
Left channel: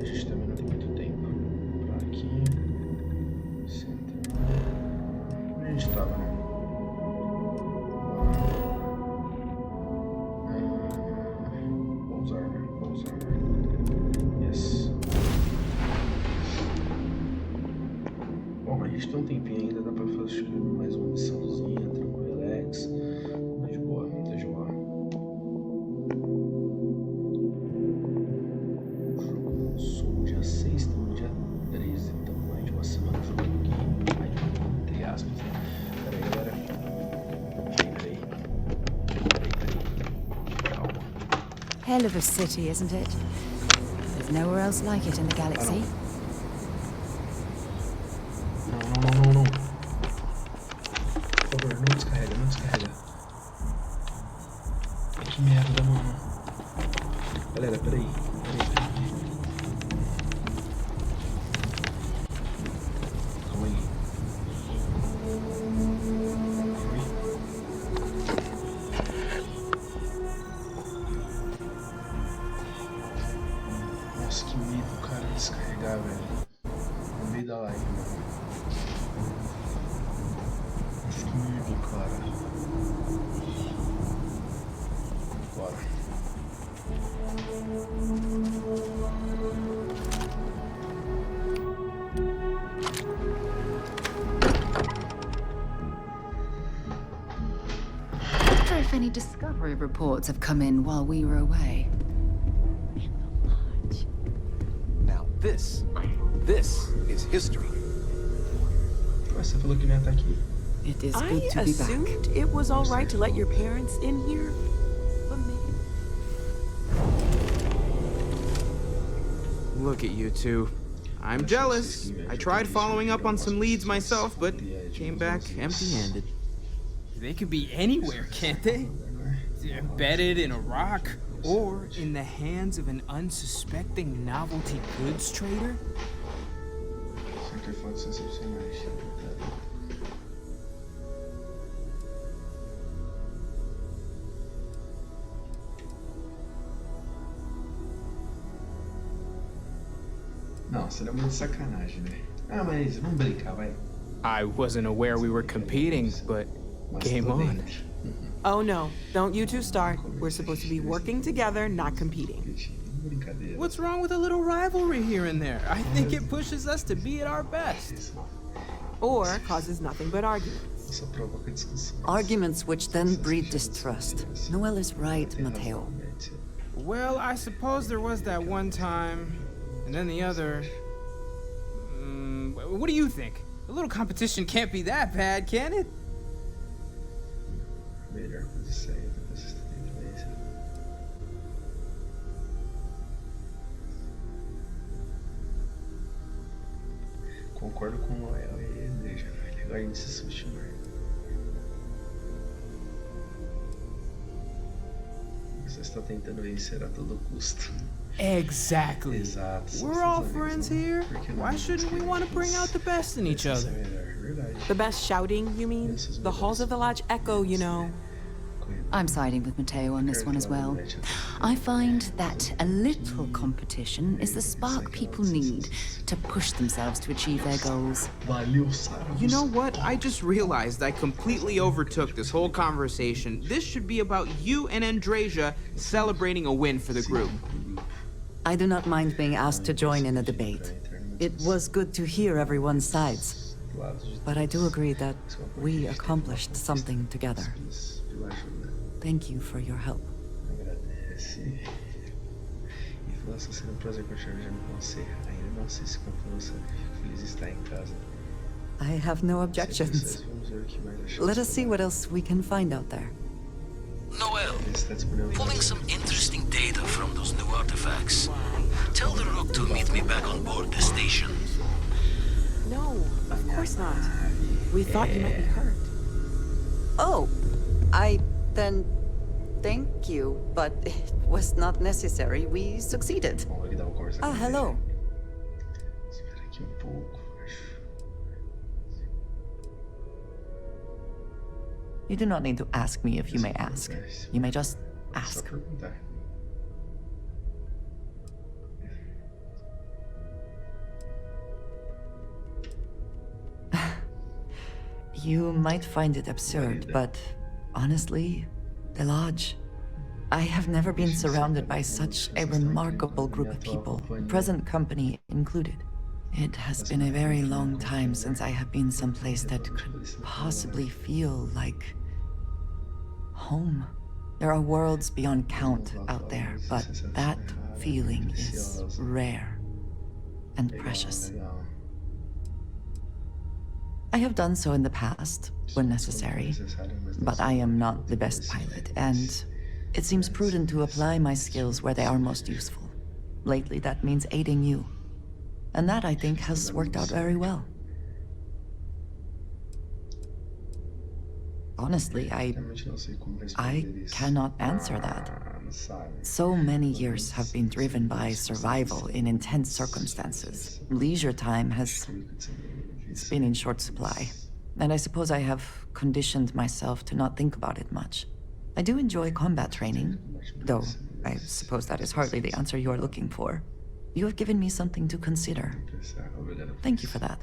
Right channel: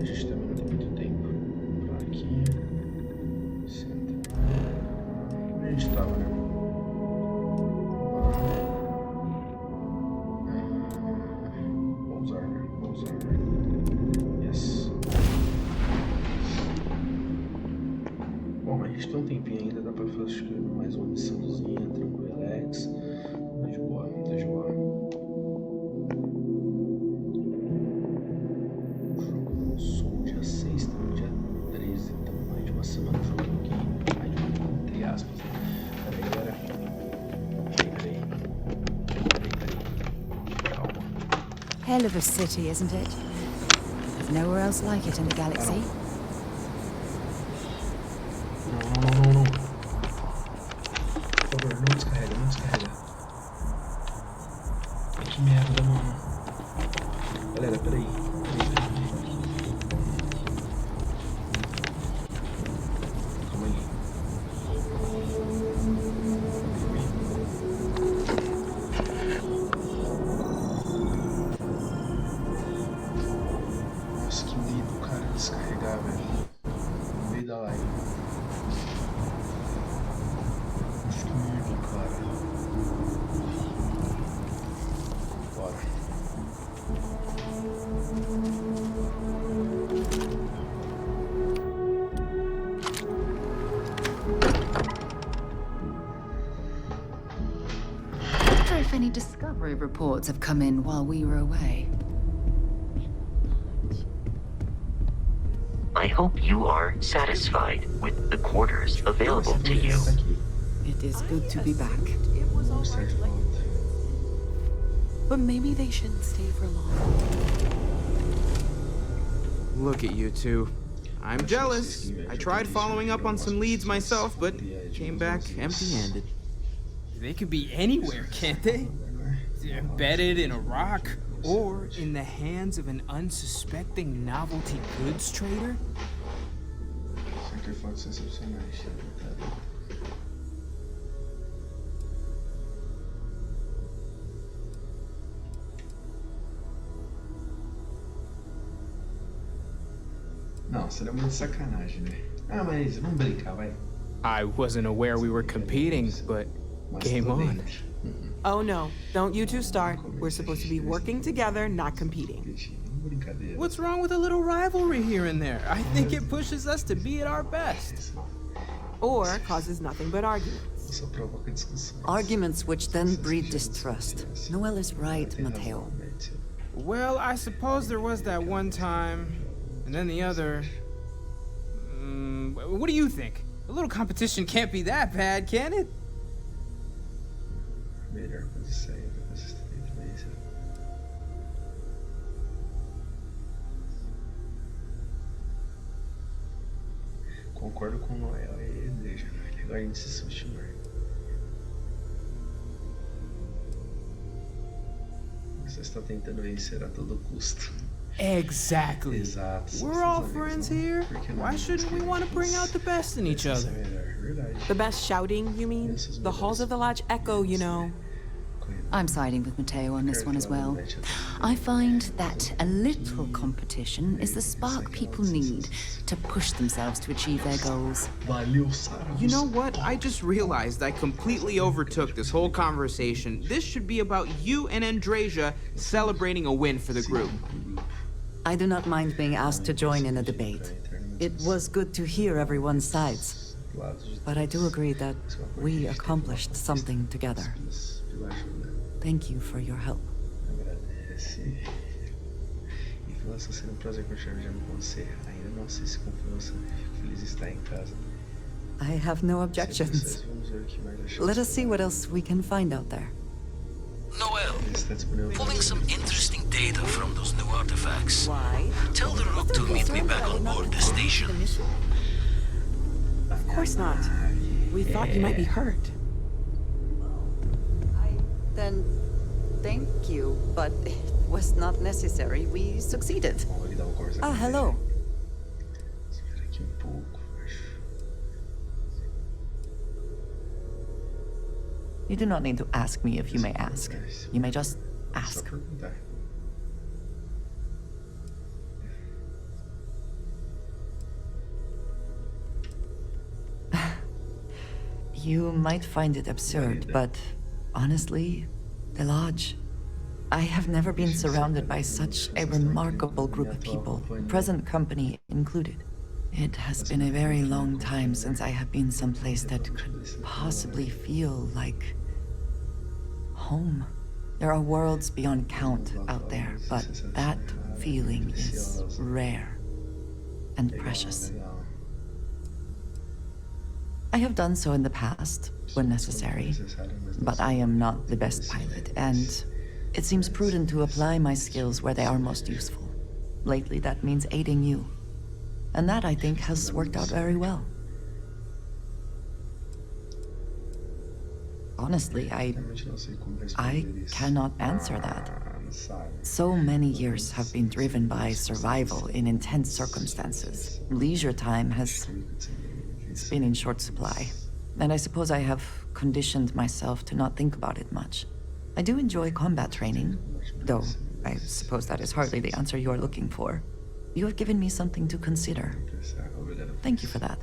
A gente também não tem muito tempo. Pra aqui. Central. Onde a gente tava, né? Pousar, né? Pousar. Yes. Bom, a gente tem um tempinho ainda, dá pra fazer acho que mais uma missãozinha, tranquilex. Tá de boa, tá de boa. O jogo lançou no dia 6, estamos no dia 13, então mais de uma semana jogando aqui. Mais de uma, entre aspas, né? Pera aí, galera. Peraí. Calma. Hell of a city, isn't it? There's nowhere else like it in the galaxy. Não. Por favor, não descarrega, não descarrega. Que merda, mano. Galera, peraí. Calma aí. Ui. Nossa, que medo, cara, descarregar, velho. No meio da live, mano. Nossa, que medo, cara. Bora. Many discovery reports have come in while we were away. Now this. I hope you are satisfied with the quarters Mas available você to falou que you. já tá aqui. It is I good to be back. assumed it was all right to let your parents in here, but maybe they shouldn't stay for long. Look at you two. I'm jealous. I tried following up on some leads myself, but came back empty-handed. They could be anywhere, can't they? Embedded in a rock, or in the hands of an unsuspecting novelty goods trader? Sempre fotos excepcionais. Não, seria muito sacanagem, né? Ah, mas vamos brincar, vai. I wasn't aware we were competing, but Mas game tô on. dentro. Oh no, don't you two start. We're supposed to be working together, not competing. Brincadeira. What's wrong with a little rivalry here and there? I think it pushes us to be at our best. Or causes nothing but arguments. Só provoca discussões. Arguments which then breed distrust. Noel is right, Tem razão, Mateo. Matthew. Well, I suppose there was that one time, and then the other. What do you think? A little competition can't be that bad, can it? Melhor coisa isso aí, depois você tem influência. Concordo com o Noel e Deja. Agora a gente se subestimar. Você está tentando vencer a todo custo. Exactly. Exato. We're all friends here. Why shouldn't we want to bring out the best in each other? The best shouting, you mean? The halls of the lodge echo, you know. I'm siding with Mateo on this one as well. I find that a little competition is the spark people need to push themselves to achieve their goals. Valeu, Sarah. You know what? I just realized I completely overtook this whole conversation. This should be about you and Andrasia celebrating a win for the group. I do not mind being asked to join in a debate. It was good to hear everyone's sides. But I do agree that we accomplished something together. Thank you for your help. Agradece. E falou assim, será um prazer continuar viajando com você. Ainda não assisto com força. Fico feliz de estar em casa. I have no objections. Vamos ver o que mais achamos. Let us see what else we can find out there. Noel, pulling some interesting data from those new artifacts. Tell the Rook to meet me back on board the station. No, of course not. We thought you might be hurt. Oh, then thank you, but it was not necessary. We succeeded. Vamos ali dar uma conversa com ele. Hello. Espera aqui pouco, acho. You do not need to ask me if you may ask. You may just Só ask. perguntar. You might find it absurd, but honestly, the Lodge. I have never been surrounded by such a remarkable group of people, present company included. It has been a very long time since I have been someplace that could possibly feel like home. There are worlds beyond count out there, but that feeling is rare and precious. I have done so in the past, when necessary, but I am not the best pilot, and it seems prudent to apply my skills where they are most useful. Lately, that means aiding you. And that, I think, has worked out very well. Honestly, I cannot answer that. So many years have been driven by survival in intense circumstances. Leisure time has been in short supply. And I suppose I have conditioned myself to not think about it much. I do enjoy combat training, though I suppose that is hardly the answer you are looking for. You have given me something to consider. Thank you for that.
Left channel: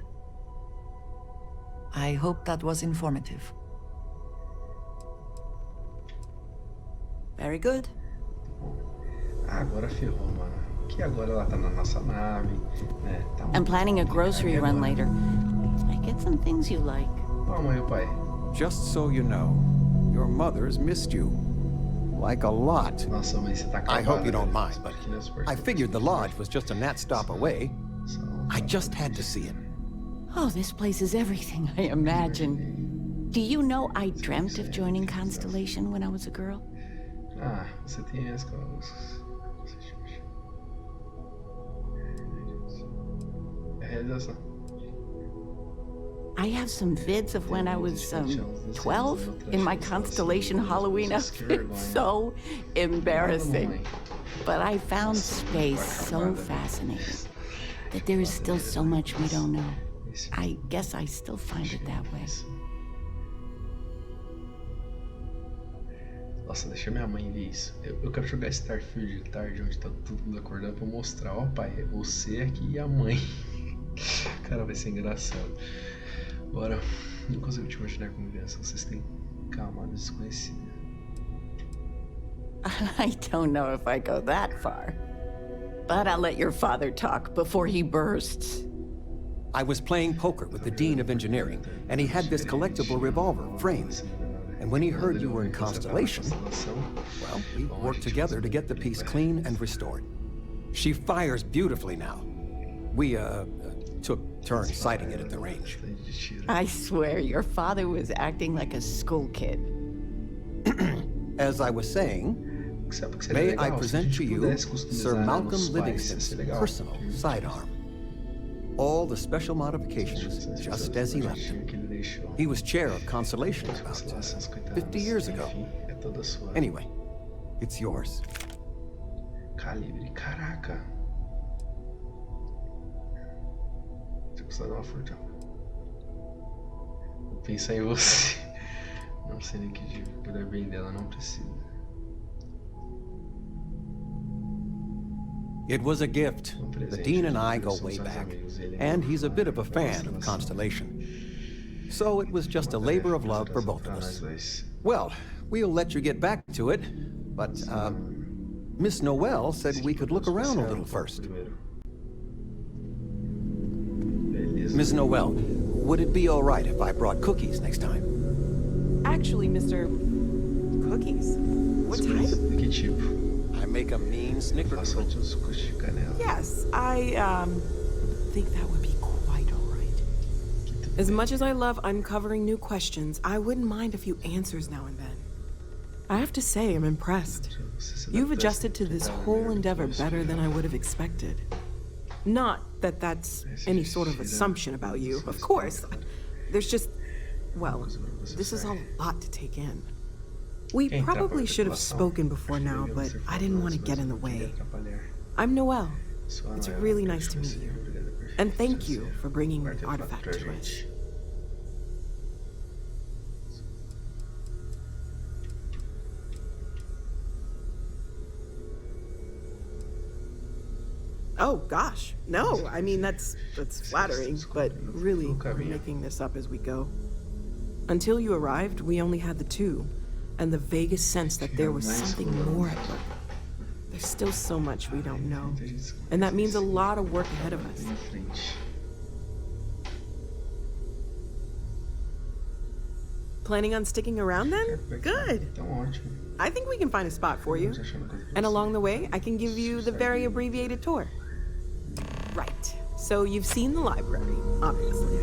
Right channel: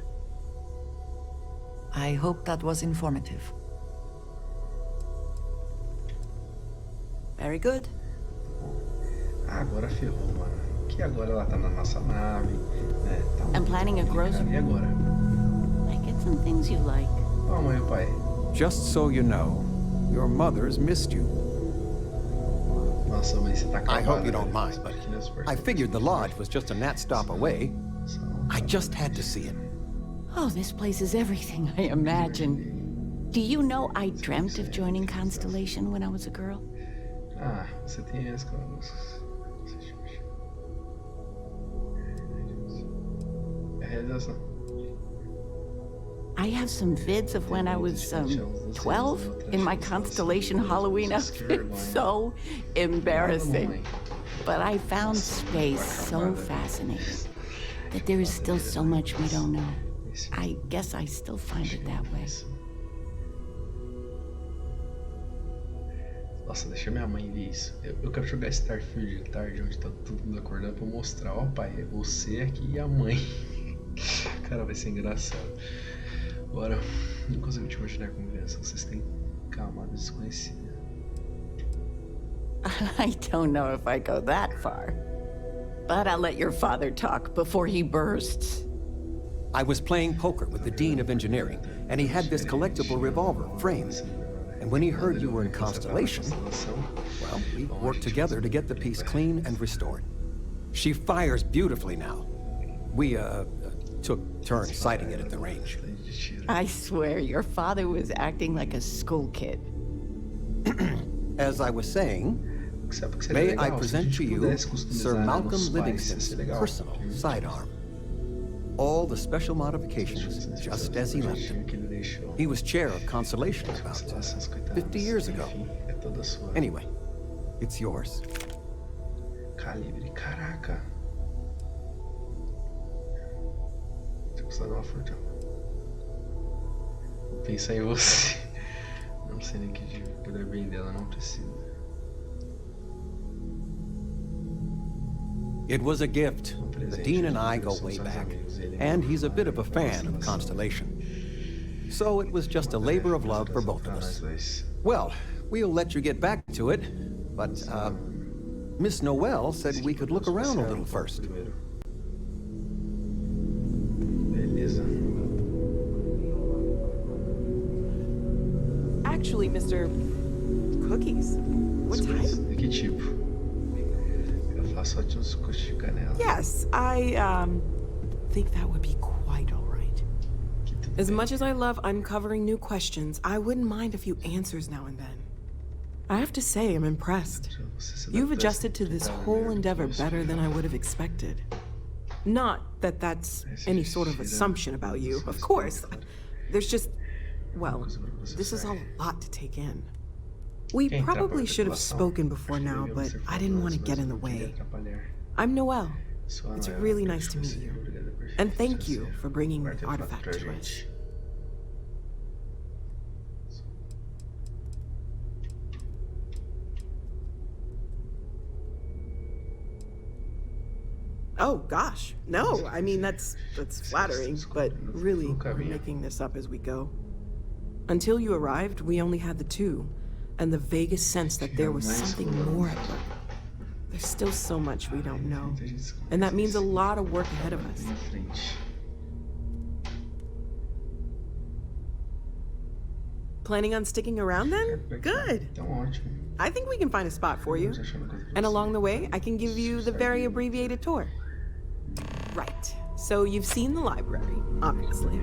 I hope that was informative. Very good. Agora ferrou, mano. Que agora ela tá na nossa nave, né? Tá I'm planning a grocery run agora? later. I get some things you like. Ó, mãe e o pai. Just so you know, your mother's missed you. like a lot. Nossa, mas você tá I acabado, hope you don't velho. mind, but I figured the lodge was just a gnat stop away. I just had to see it. Oh, this place is everything I imagine. Do you know I dreamt of joining Constellation when I was a girl? Ah, você tem as coisas. É a realização. I have some vids of when I was 12 in my Constellation Halloween outfit. So embarrassing. But I found space so fascinating that there is still so much we don't know. I guess I still find it that way. Nossa, deixa minha mãe ver isso. Eu quero jogar Starfield de tarde, onde tá todo mundo acordando pra mostrar. Ó, pai, é você aqui e a mãe. Cara, vai ser engraçado. Bora. Não consigo te imaginar como criança. Vocês têm camadas desconhecidas. I don't know if I go that far. But I'll let your father talk before he bursts. I was playing poker with the Dean of Engineering, and he had this collectible revolver framed. And when he heard you were in Constellation, well, we worked together to get the piece clean and restored. She fires beautifully now. We, took turns sighting it at the range. I swear, your father was acting like a school kid. As I was saying, may I present to you Sir Malcolm Livingston's personal sidearm. All the special modifications just as he left them. He was chair of Constellation about 50 years ago. Anyway, it's yours. Calibre, caraca. Tinha custado uma fortuna. Vou pensar em você. Não sei nem que de cuidar bem dela, não precisa. It was a gift. The Dean and I go way back, and he's a bit of a fan of Constellation. So it was just a labor of love for both of us. Well, we'll let you get back to it, but, Miss Noel said we could look around a little first. Miss Noel, would it be all right if I brought cookies next time? Actually, Mr. Cookies? What type? Que tipo? I make a mean snicker. Yes, I, think that would be quite all right. As much as I love uncovering new questions, I wouldn't mind a few answers now and then. I have to say, I'm impressed. You've adjusted to this whole endeavor better than I would have expected. Not that that's any sort of assumption about you, of course. There's just, well, this is a lot to take in. We probably should have spoken before now, but I didn't want to get in the way. I'm Noel. It's really nice to meet you. And thank you for bringing the artifact to us. Oh, gosh. No, I mean, that's flattering, but really, we're making this up as we go. Until you arrived, we only had the two, and the vaguest sense that there was something more at work. There's still so much we don't know, and that means a lot of work ahead of us. Planning on sticking around then? Good. I think we can find a spot for you. And along the way, I can give you the very abbreviated tour. Right. So you've seen the library, obviously.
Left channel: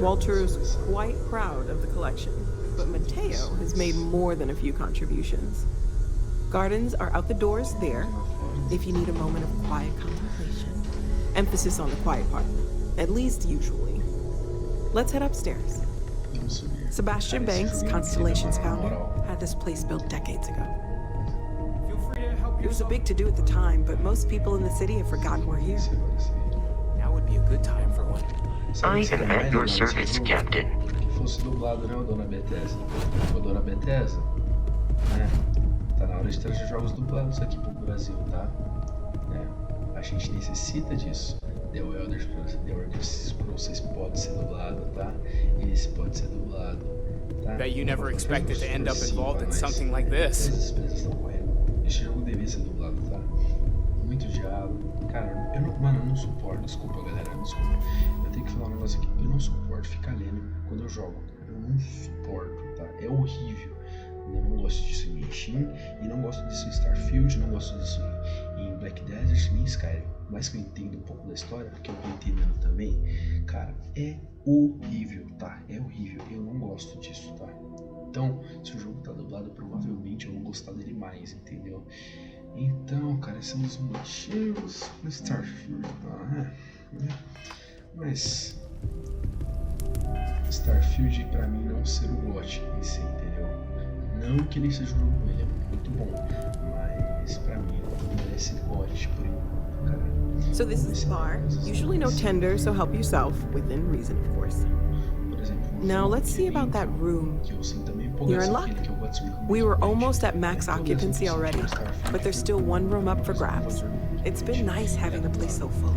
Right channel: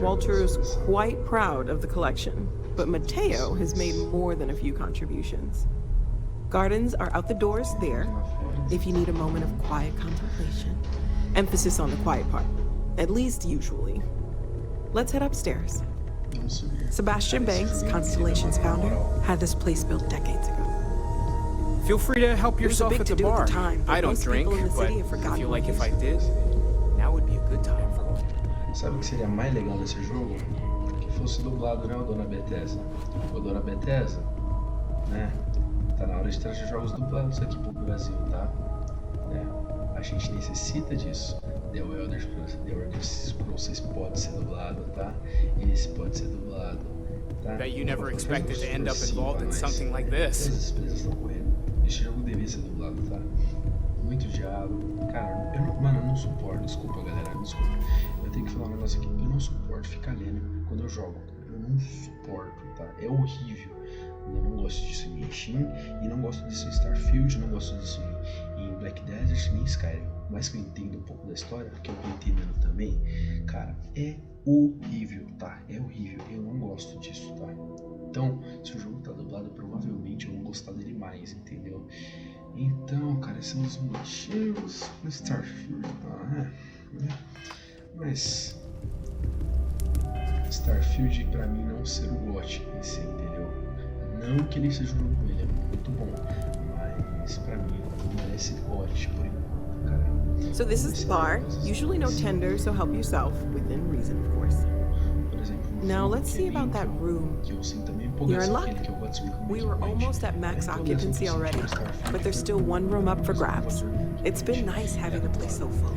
Walter's quite proud of the collection, but Mateo has made more than a few contributions. Gardens are out the doors there, if you need a moment of quiet contemplation. Emphasis on the quiet part, at least usually. Let's head upstairs. Sebastian Banks, Constellation's founder, had this place built decades ago. Feel free to help yourself. It was a big to-do at the time, but most people in the city have forgotten like we're if I here. did, now would be a good time for one. Sabe o que seria mais legal nesse jogo? Que fosse dublado, né, o Dona Bethesda? O Dona Bethesda, né? Tá na hora de trazer jogos dublados aqui pro Brasil, tá? Né? A gente necessita disso. The Elder Scrolls pode ser dublado, tá? Esse pode ser dublado, tá? Bet you never expected to end up involved in something like this. As empresas estão correndo. Esse jogo devia ser dublado, tá? Muito diálogo. Cara, mano, eu não suporto. Desculpa, galera, desculpa. Eu tenho que falar um negócio aqui. Eu não suporto ficar lendo quando eu jogo. Eu não suporto, tá? É horrível. Eu não gosto disso em Genshin, e não gosto disso em Starfield, não gosto disso em Black Desert, nem Skyrim. Mas que eu entendo um pouco da história, porque eu tô entendendo também, cara, é horrível, tá? É horrível, eu não gosto disso, tá? Então, se o jogo tá dublado, provavelmente eu vou gostar dele mais, entendeu? Então, cara, esses são os motivos do Starfield, tá? Mas Starfield pra mim não ser o GOT em si, entendeu? Não que ele seja um jogo ruim, ele é muito bom, mas pra mim não merece GOT por enquanto, cara. So this is the bar. Usually no tender, so help yourself, within reason, of course. Now let's see about that room. You're in luck. We were almost at max occupancy already, but there's still one room up for grabs. It's been nice having the place so full.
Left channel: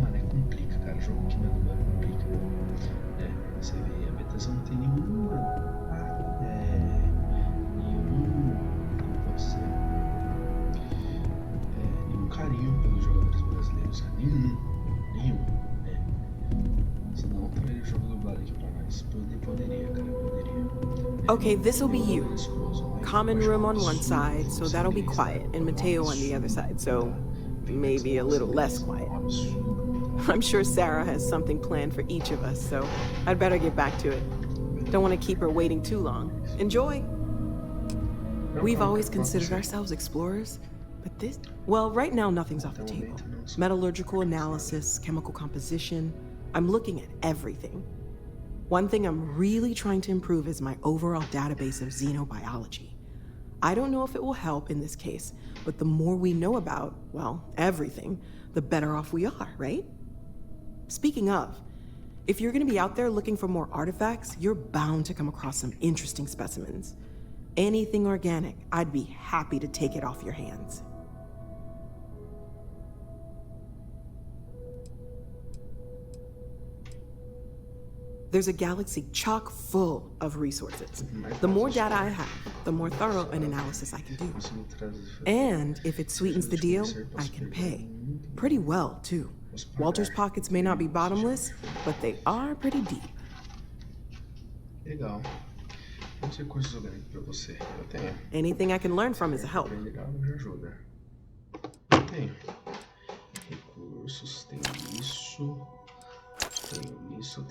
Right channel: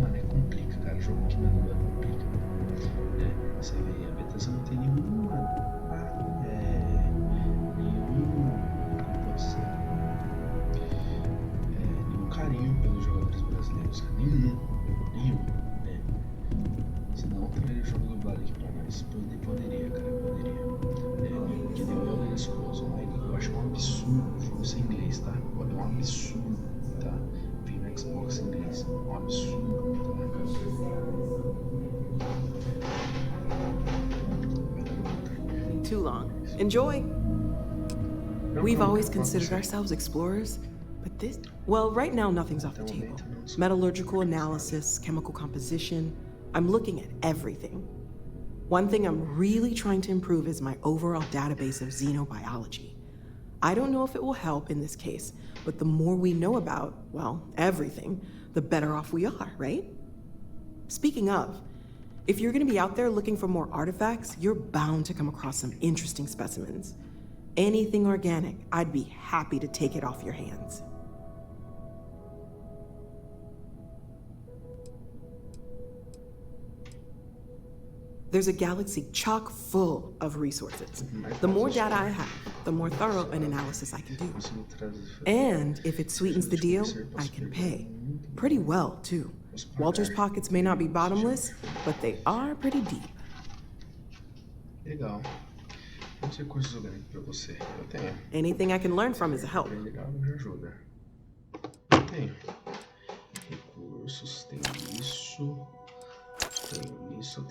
Mano, complica, cara. Jogo que não é dublado complica. Você vê, a Bethesda não tem nenhum, como posso dizer? Nenhum carinho pelos jogadores brasileiros. Nenhum. Senão teria o jogo dublado aqui pra nós. Poderia, cara, poderia. Okay, this'll be you. Common room on one side, so that'll be quiet, and Mateo on the other side, so maybe a little less quiet. I'm sure Sarah has something planned for each of us, so I'd better get back to it. Don't want to keep her waiting too long. Enjoy! We've always considered ourselves explorers, but this... Well, right now nothing's off the table. Metallurgical analysis, chemical composition... I'm looking at everything. One thing I'm really trying to improve is my overall database of xenobiology. I don't know if it will help in this case, but the more we know about, well, everything, the better off we are, right? Speaking of, if you're gonna be out there looking for more artifacts, you're bound to come across some interesting specimens. Anything organic, I'd be happy to take it off your hands. There's a galaxy chock full of resources. The more data I have, the more thorough an analysis I can do. And if it sweetens the deal, I can pay. Pretty well, too. Walter's pockets may not be bottomless, but they are pretty deep. Legal. Vamos ver cursos orgânicos pra você. Eu tenho. Anything I can learn from is a help. Legal, me ajuda. Tenho. Recursos, tem isso. Tenho isso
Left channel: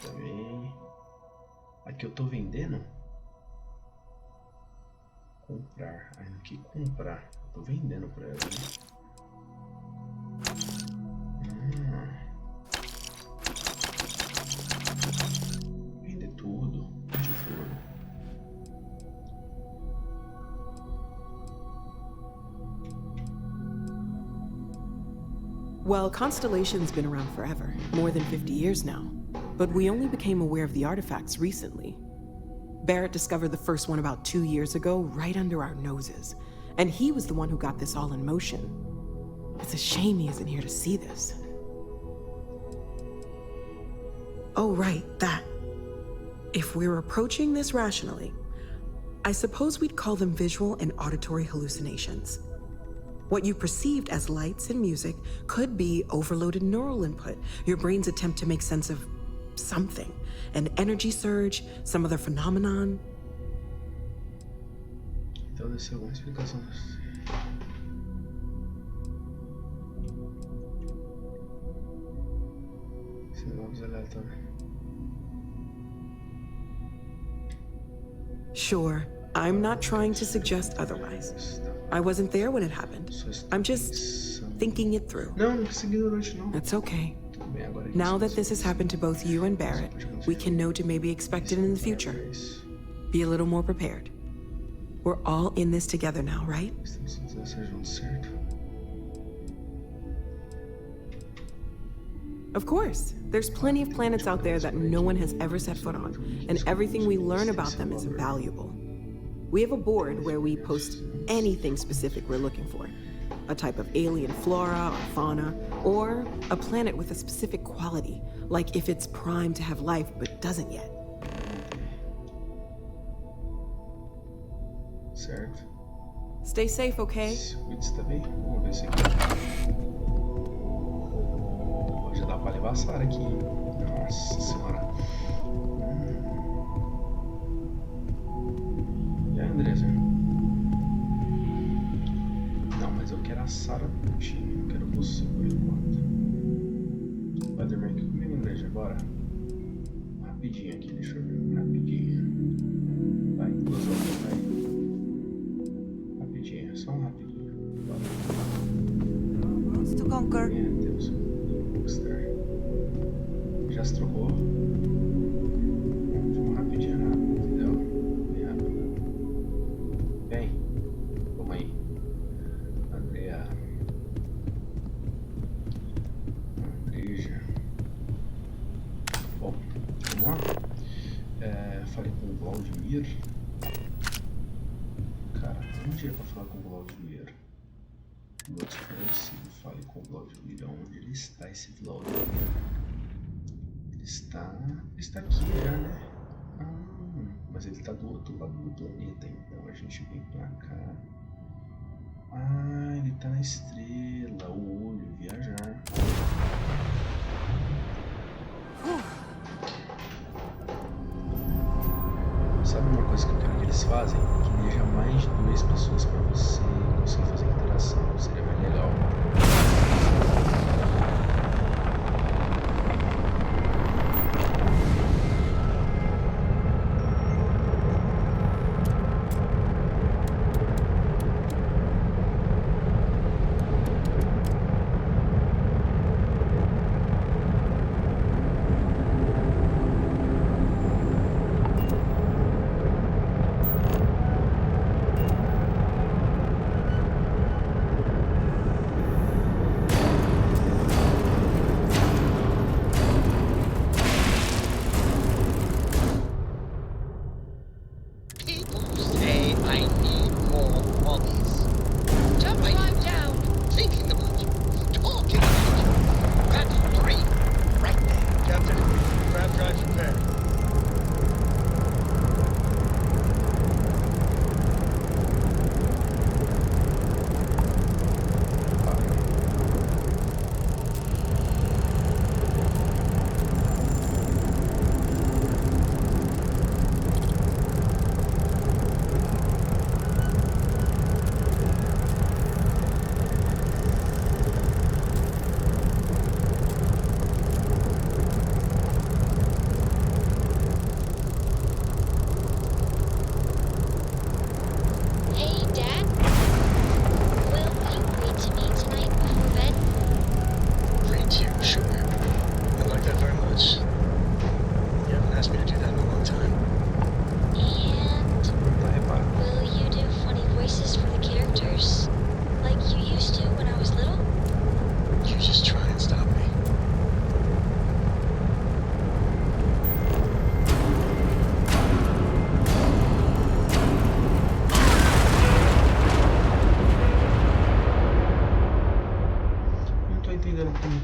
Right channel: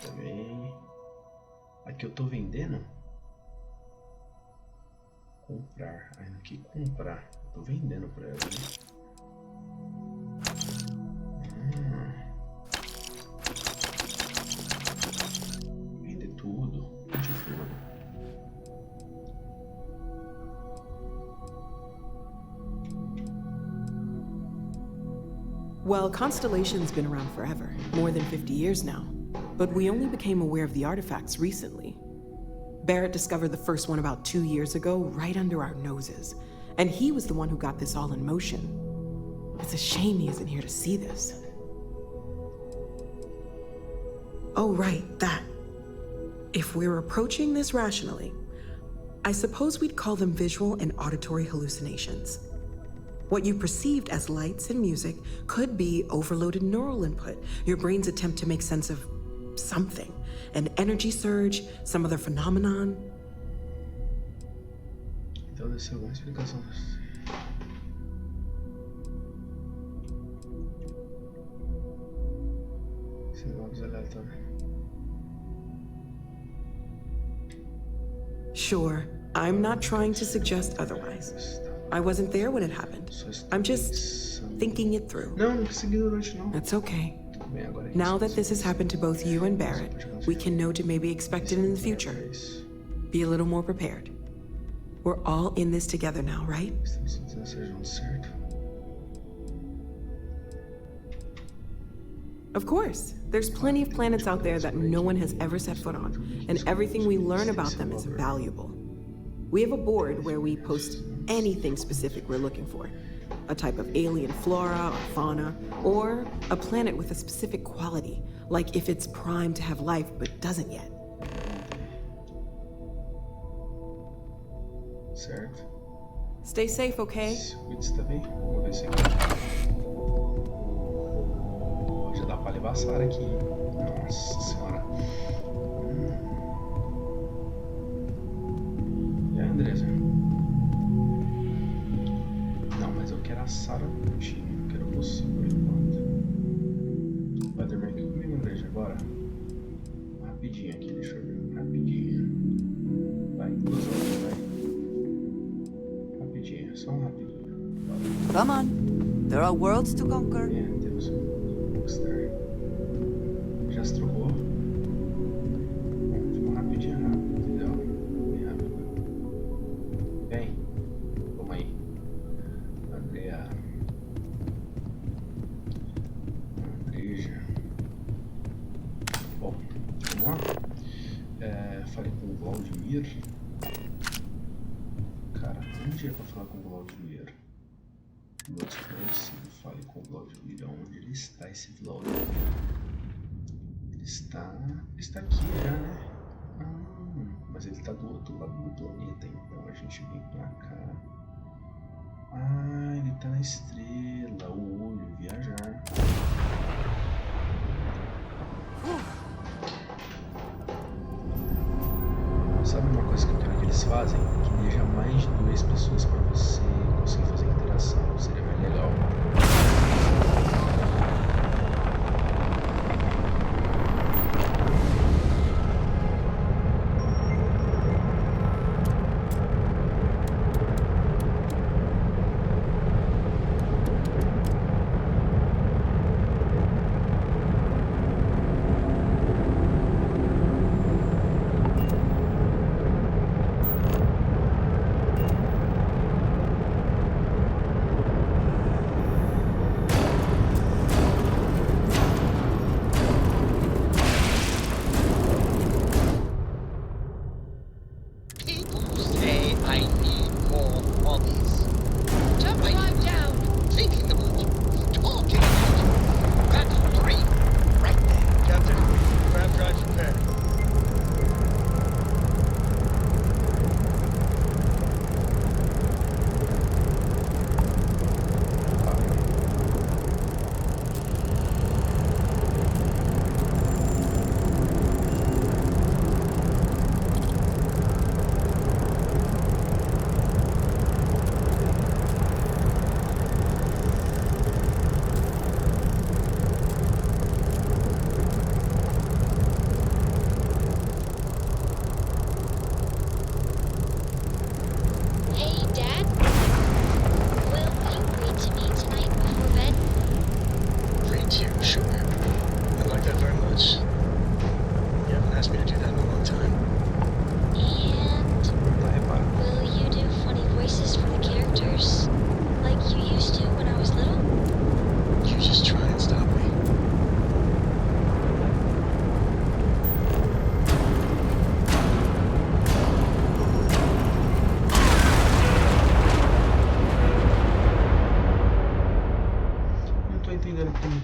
também. Aqui eu tô vendendo. Comprar. Aqui comprar. Eu tô vendendo pra ela, Vender tudo. Vende tudo. Well, Constellation's been around forever, more than 50 years now. But we only became aware of the artifacts recently. Barrett discovered the first one about 2 years ago, right under our noses. And he was the one who got this all in motion. It's a shame he isn't here to see this. Oh, right, that. If we're approaching this rationally, I suppose we'd call them visual and auditory hallucinations. What you perceived as lights and music could be overloaded neural input, your brain's attempt to make sense of something, an energy surge, some other phenomenon. Então deve ser alguma explicação. Vamos aleatórios. Sure, I'm not trying to suggest otherwise. I wasn't there when it happened. I'm just thinking it through. It's okay. Now that this has happened to both you and Barrett, we can know to maybe expect it in the future. Be a little more prepared. We're all in this together now, right? Of course. There's plenty of planets out there that no one has ever set foot on, and everything we learn about them is valuable. We have a board where we post anything specific we're looking for. A type of alien flora or fauna, or a planet with a specific quality, like if it's primed to have life but doesn't yet. Certo. Stay safe, okay? Cuide também. Vamos ver se aqui. Já dá pra levar a Sarah aqui. Nossa senhora. Andresa? Não, mas eu quero a Sarah curtindo. Eu quero você por enquanto. Vai dormir aqui comigo, Andresa? Bora. Rapidinho aqui, deixa eu ver. Rapidinho. Vai, 2 horas, vai. Rapidinho, só um rapidinho. Bora. Come on. There are worlds to conquer. Deus do Bookster. Já se trocou? Vamos rapidinho, entendeu? Bem rápido. Vem. Vamos aí. Andrea. Andreja. Bom, vamos lá. Falei com o Vladimir. Cara, onde é pra falar com o Vladimir? Fale com o Vladimir. Onde ele está, esse Vladimir? Ele está aqui já, né? Mas ele está do outro lado do planeta, então a gente vem pra cá. Ele tá na estrela, o olho, viajar. Sabe uma coisa que eu quero que eles fazem? Que deixa mais de 2 pessoas para você conseguir fazer interação. Seria mais legal.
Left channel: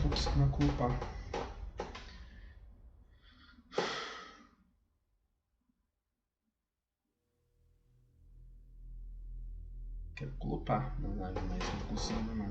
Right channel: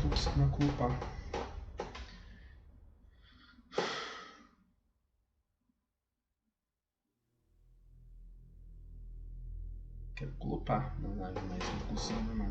Conseguindo culpar. Quero culpar na live, mas não consigo não.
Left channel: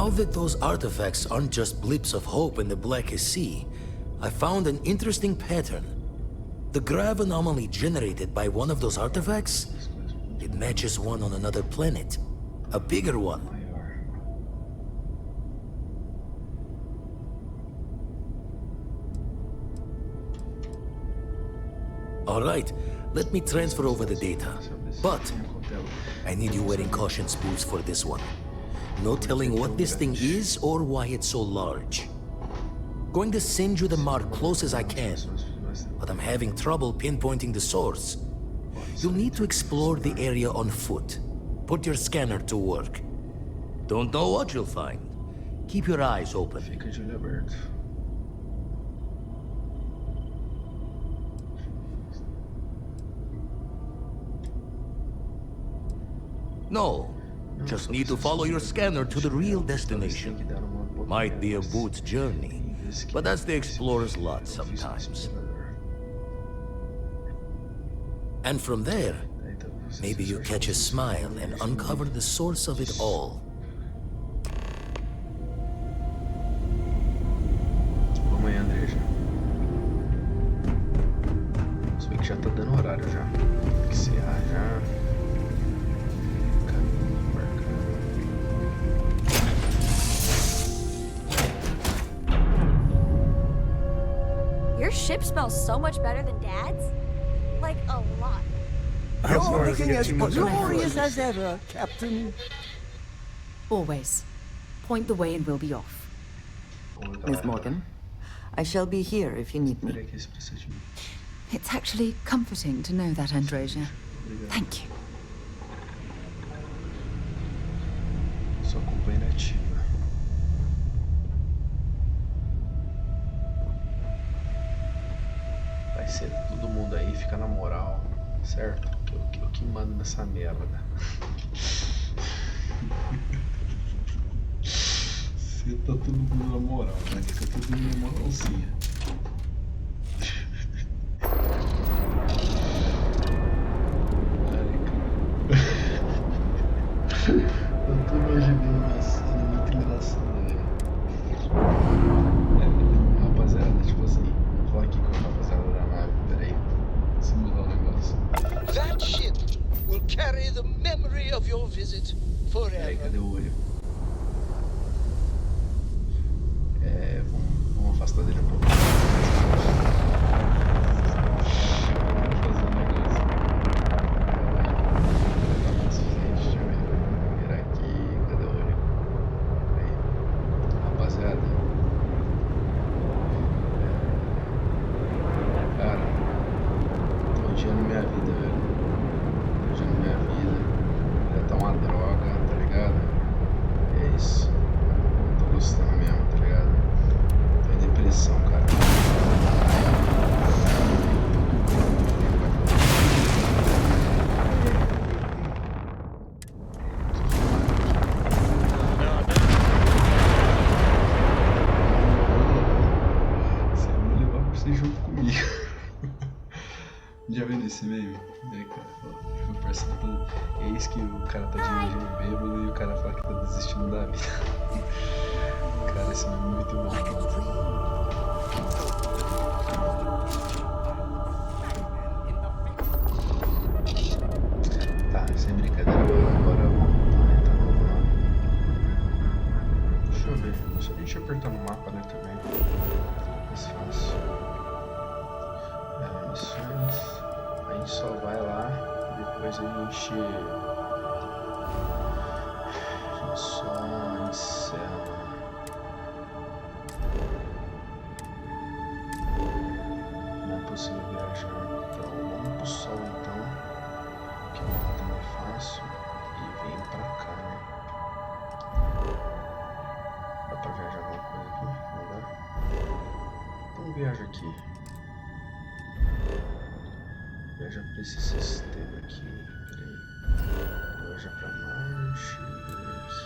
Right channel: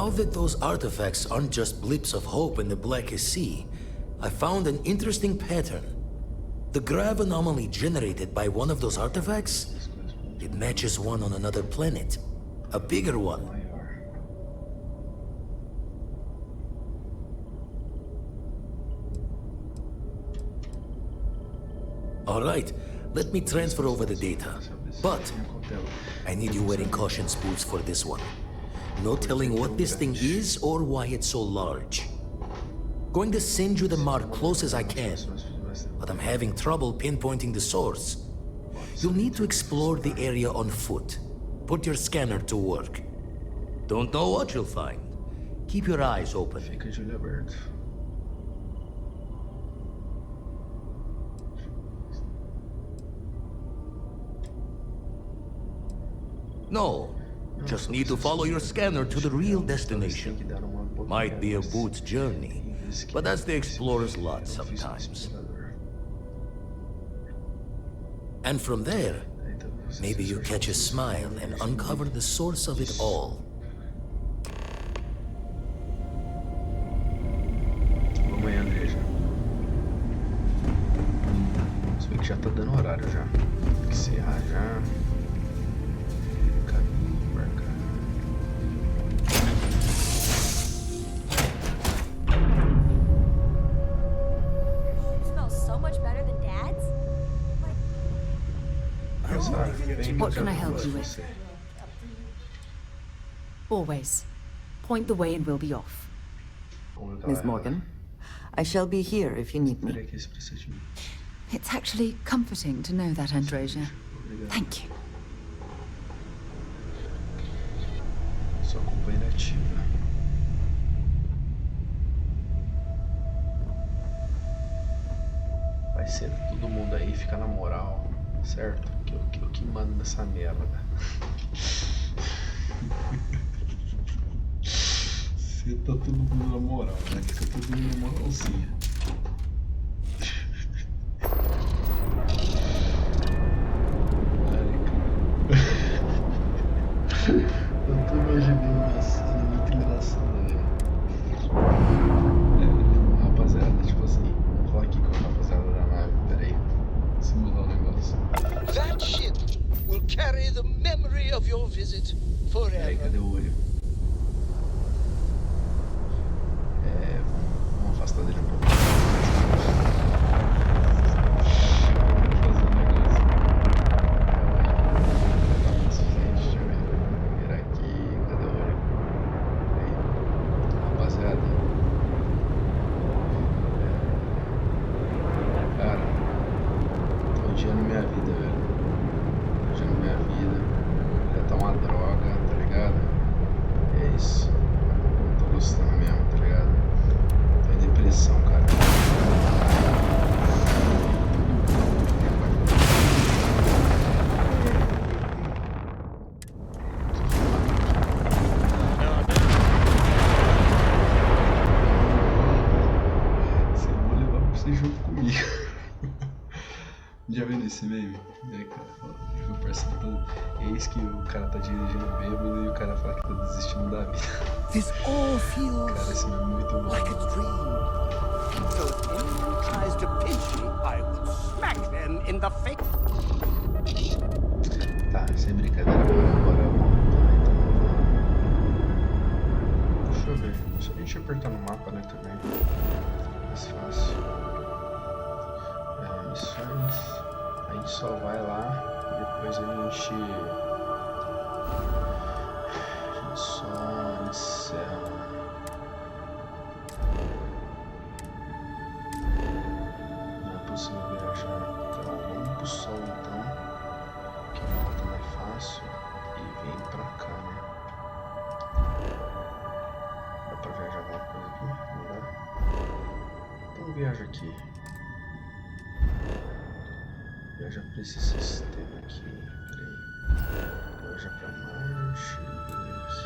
Now that those artifacts aren't just blips of hope in the blackest sea, I found an interesting pattern. The grav anomaly generated by one of those artifacts, it matches one on another planet. A bigger one. All right, let me transfer over the data. But I need you wearing caution's boots for this one. No telling what this thing is or why it's so large. Going to send you the mark close as I can, but I'm having trouble pinpointing the source. You'll need to explore the area on foot. Put your scanner to work. Don't know what you'll find. Keep your eyes open. No, just need to follow your scanner to the real destination. Might be a boot's journey, but that's the explorer's lot sometimes. And from there, maybe you catch a smile and uncover the source of it all. Vamos aí, Andreja. Se bem que já tá dando horário já. Tem que encerrar já. Your ship smells so much better than Dad's? Like, a lot. You're looking as glorious as ever, Captain. Always. Point the way and we'll be off. Miss Morgan, I shall be here if you need me. It's actually comforting to know that, Andreja. Thank you. Sua companheira ativa. Vai ser todo mundo aí, fica na moral, certo? Eu que mando nessa merda. Você tá todo mundo na moral, né? Fica todo mundo na moralzinha. Eu tô imaginando uma cena muito engraçada, velho. Rapaziada, tipo assim, vou falar aqui com a rapaziada da nave, peraí. Simular o negócio. That ship will carry the memory of your visit forever. Peraí, cadê o olho? Vamos afastar dele um pouco. Já viu esse meme? Eis que o cara tá dirigindo bêbado e o cara fala que tá desistindo da vida. Cara, esse meme é muito bom. Tá, sem brincadeira, bora montar então. Deixa eu ver. Se a gente apertar no mapa, né, também. Mais fácil. Missões. A gente só vai lá e depois a gente só encerra. Não é possível viajar. Então vamos pro sol então, que é uma rota mais fácil, e vem pra cá, né? Dá pra viajar alguma coisa aqui? Não dá? Então viaja aqui. Viaja pra esse sistema aqui, peraí. Viaja pra Marte, aqui.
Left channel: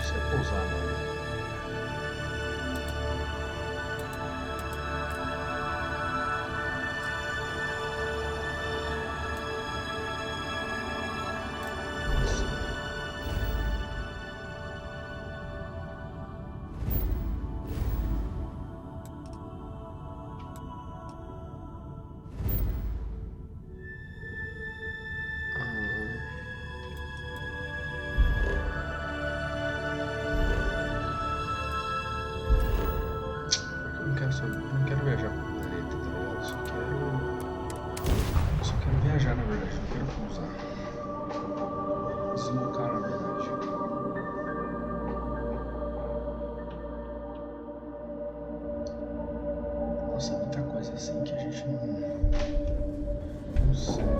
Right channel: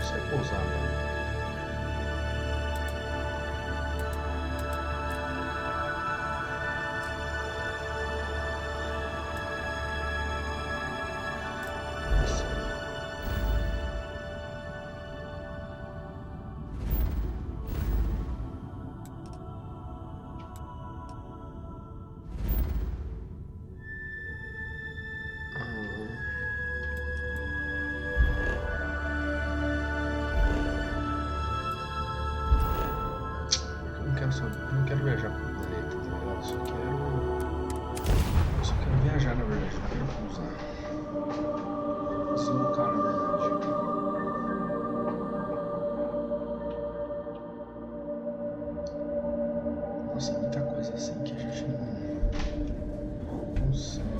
Você vai pousar, mano. não quero viajar pro planeta, tá ligado? Eu só quero viajar, na verdade, não quero pousar. Deslocar, na verdade. Nossa, muita coisa assim que a gente não sabe.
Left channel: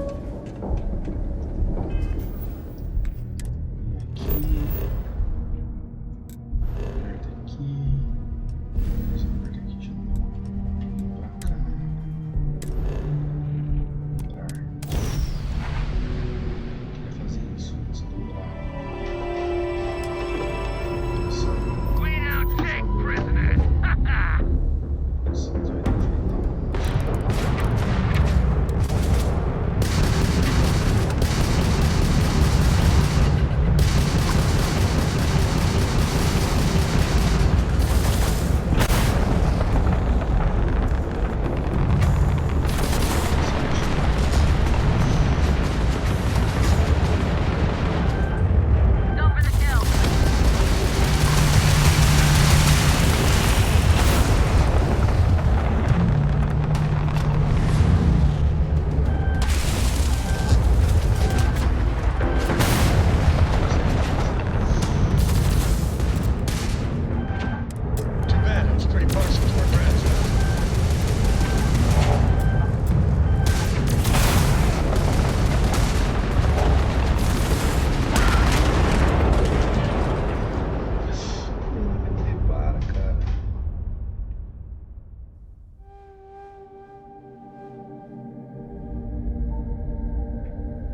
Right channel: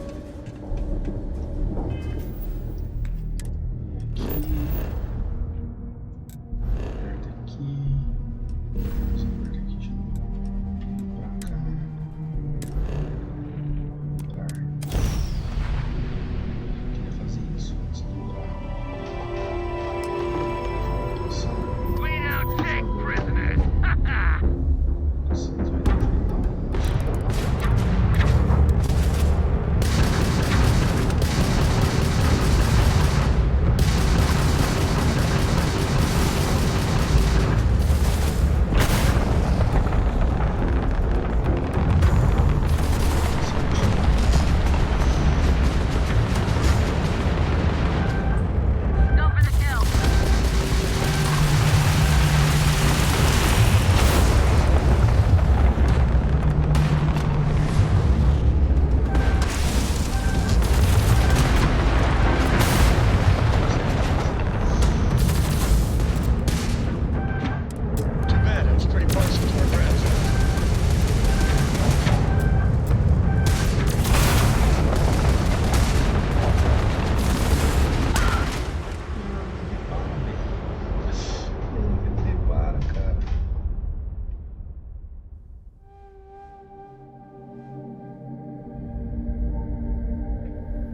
Vem aqui. Aperta aqui. Vamos apertar aqui de novo. Pra cá. Dobrar. Queria fazer isso antes de dobrar. Clean out tank prisoners! Nossa, mas vai ter que enfrentar um monte.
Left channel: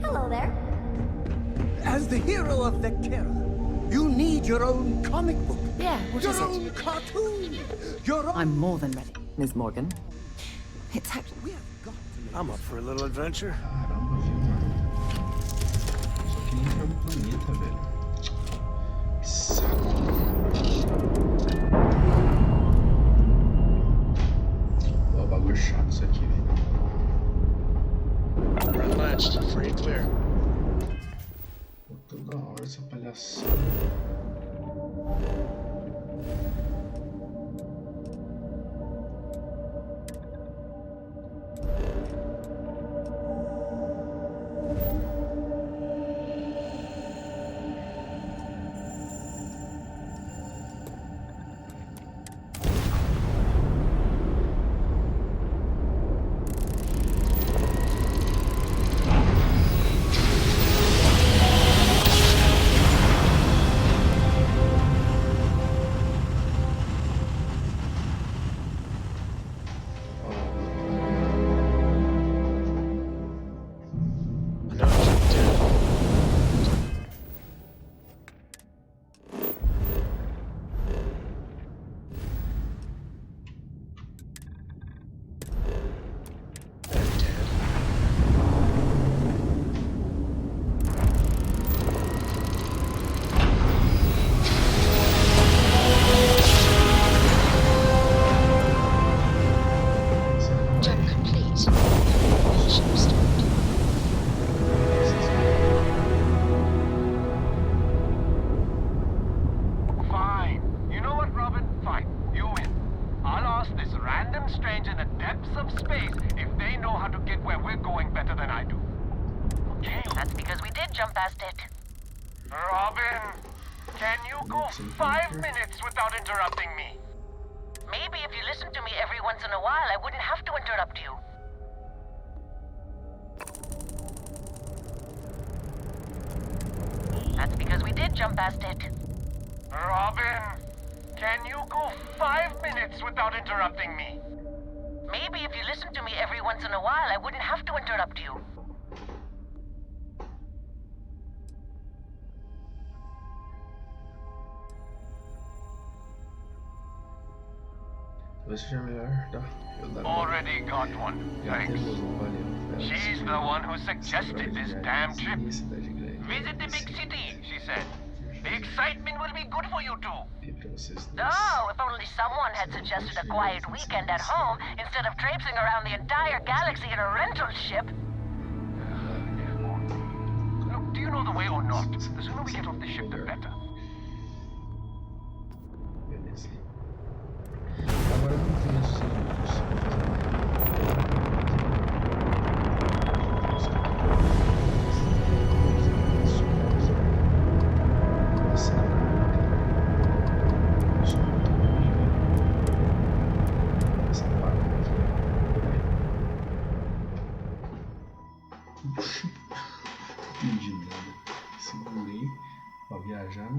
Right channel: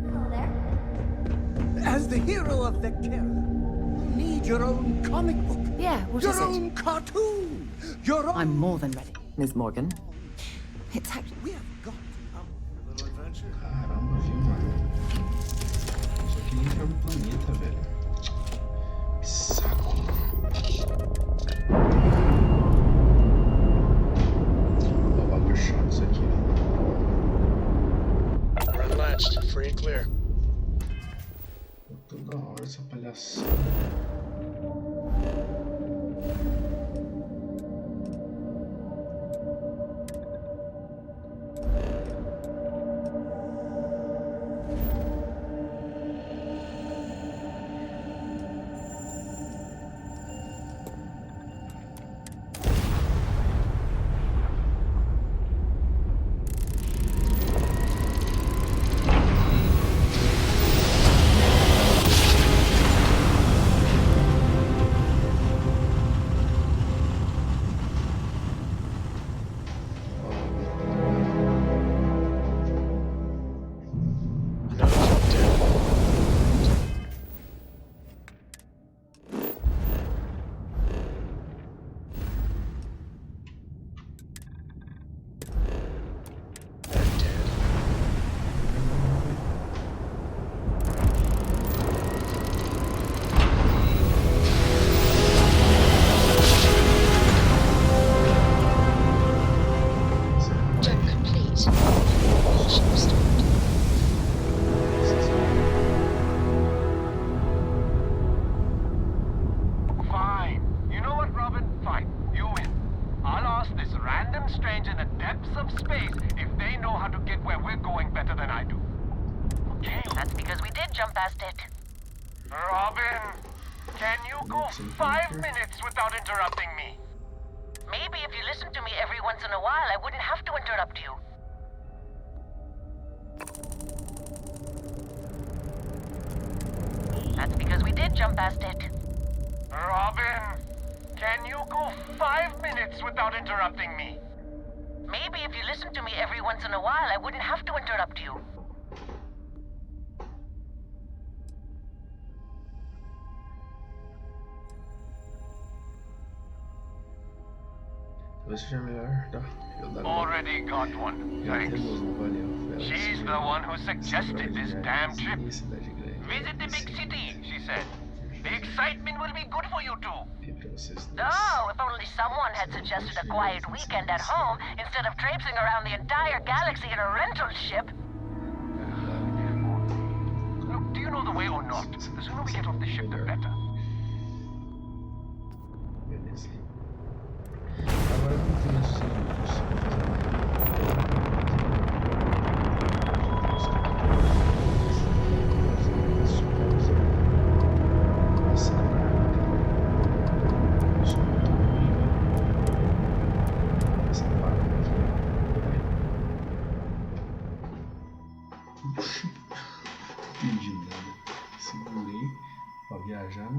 Hello there. As the hero of Vectera, you need your own comic book. Yeah, what your is it? own cartoon. Your own... I'm more than ready, Ms. Morgan. It's We have got to... I'm up for a little adventure. Caramba, viu, mano? Só queria entrar no planeta, velho. Que saco. Ó, o bagulho chato isso aqui, velho. We're unlatched, free and clear. Toda hora essa palhaçada. Robin, can you go 5 minutes without interrupting me? Maybe if you listen to me every once in a while, I wouldn't have to interrupt you. That's because we did jump past it. Robin, can you go 5 minutes without interrupting me? Maybe if you listen to me every once in a while, I wouldn't have to interrupt you. Talvez seja melhor Already got one. Thanks. Valeu. She's the one who suggested this damn trip. Visit the big city, she said. The excitement will be good for you two. Oh, if only someone had suggested a quiet weekend at home instead of traipsing around the entire galaxy in a rental ship. Look, do you know the way or not? The sooner we get off the ship, the better. Beleza. Agora vamos ter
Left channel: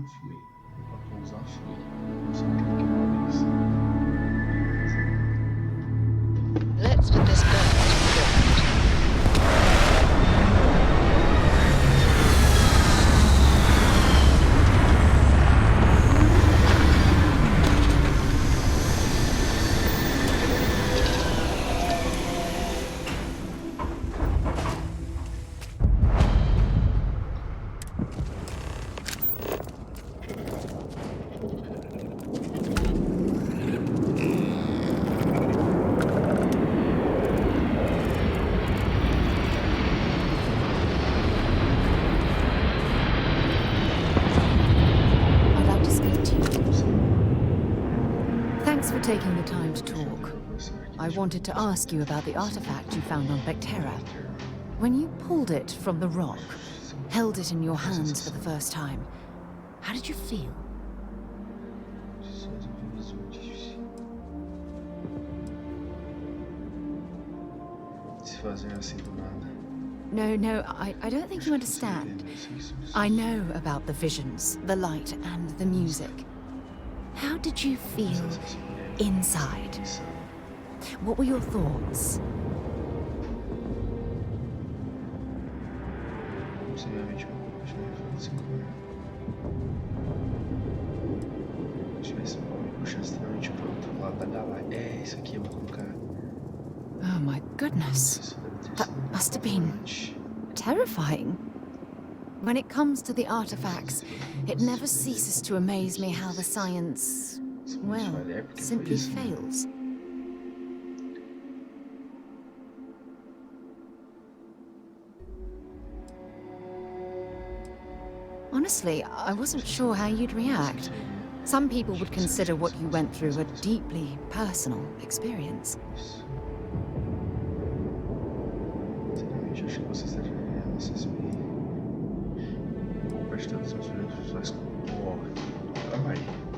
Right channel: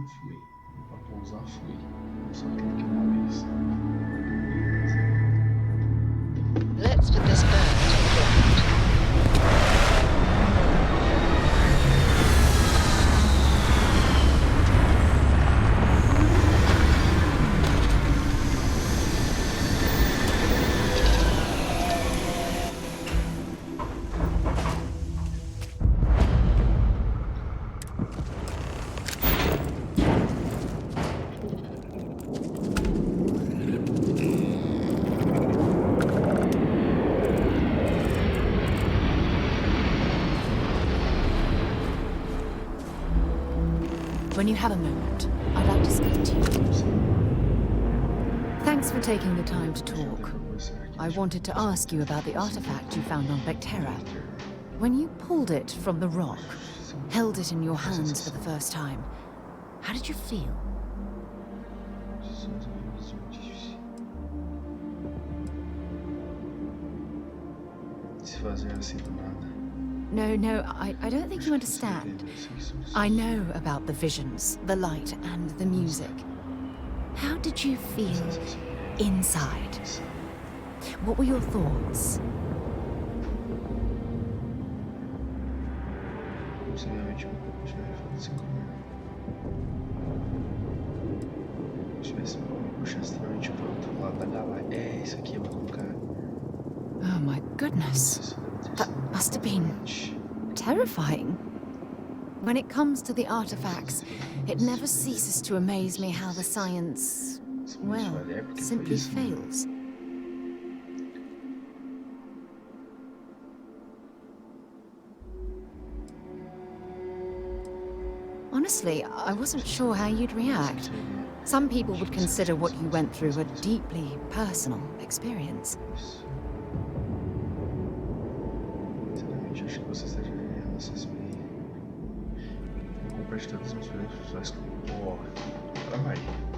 fui. Pra pousar, fui. Eu só cliquei uma vez. Let's put this bird in flight. When you have a moment, I'd like to speak to you. Thanks for taking the time to talk. I wanted to ask you about the artifact you found on Vectera. When you pulled it from the rock, held it in your hands for the first time, how did you feel? No, I don't think you understand. I know about the visions, the light, and the music. How did you feel inside? What were your thoughts? Oh my goodness. That must have been terrifying. When it comes to the artifacts, it never ceases to amaze me how the science, well, simply fails. Honestly, I wasn't sure how you'd react. Some people would consider what you went through a deeply personal experience.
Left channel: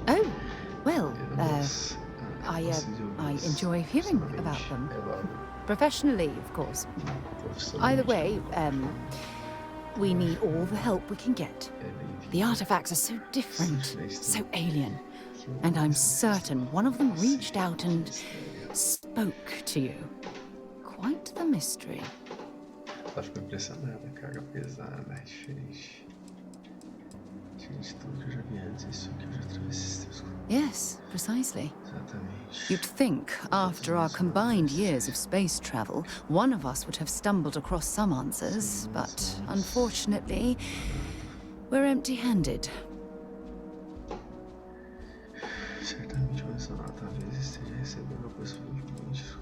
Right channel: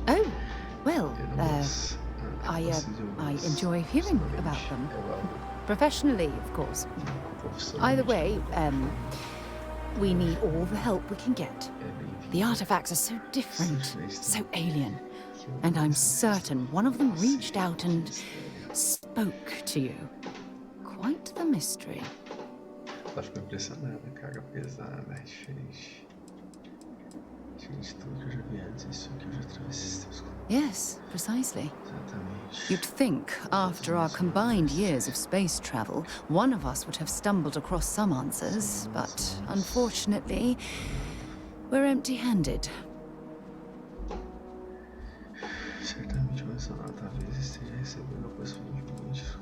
Oh, well, I enjoy hearing about them. Professionally, of course. Either way, we need all the help we can get. The artifacts are so different, so alien. And I'm certain one of them reached out and spoke to you. Quite the mystery. Ela ficou impressionada, carga pesada, diferente. Diferente de tudo que eu já vi antes, isso que eu já atravessei. Yes, precisely. Exatamente. You'd think, after our combined years of space travel, one of us would have stumbled across some answers, but unfortunately, we're empty-handed. Certamente o mencionado talvez esteja recebendo aproximadamente.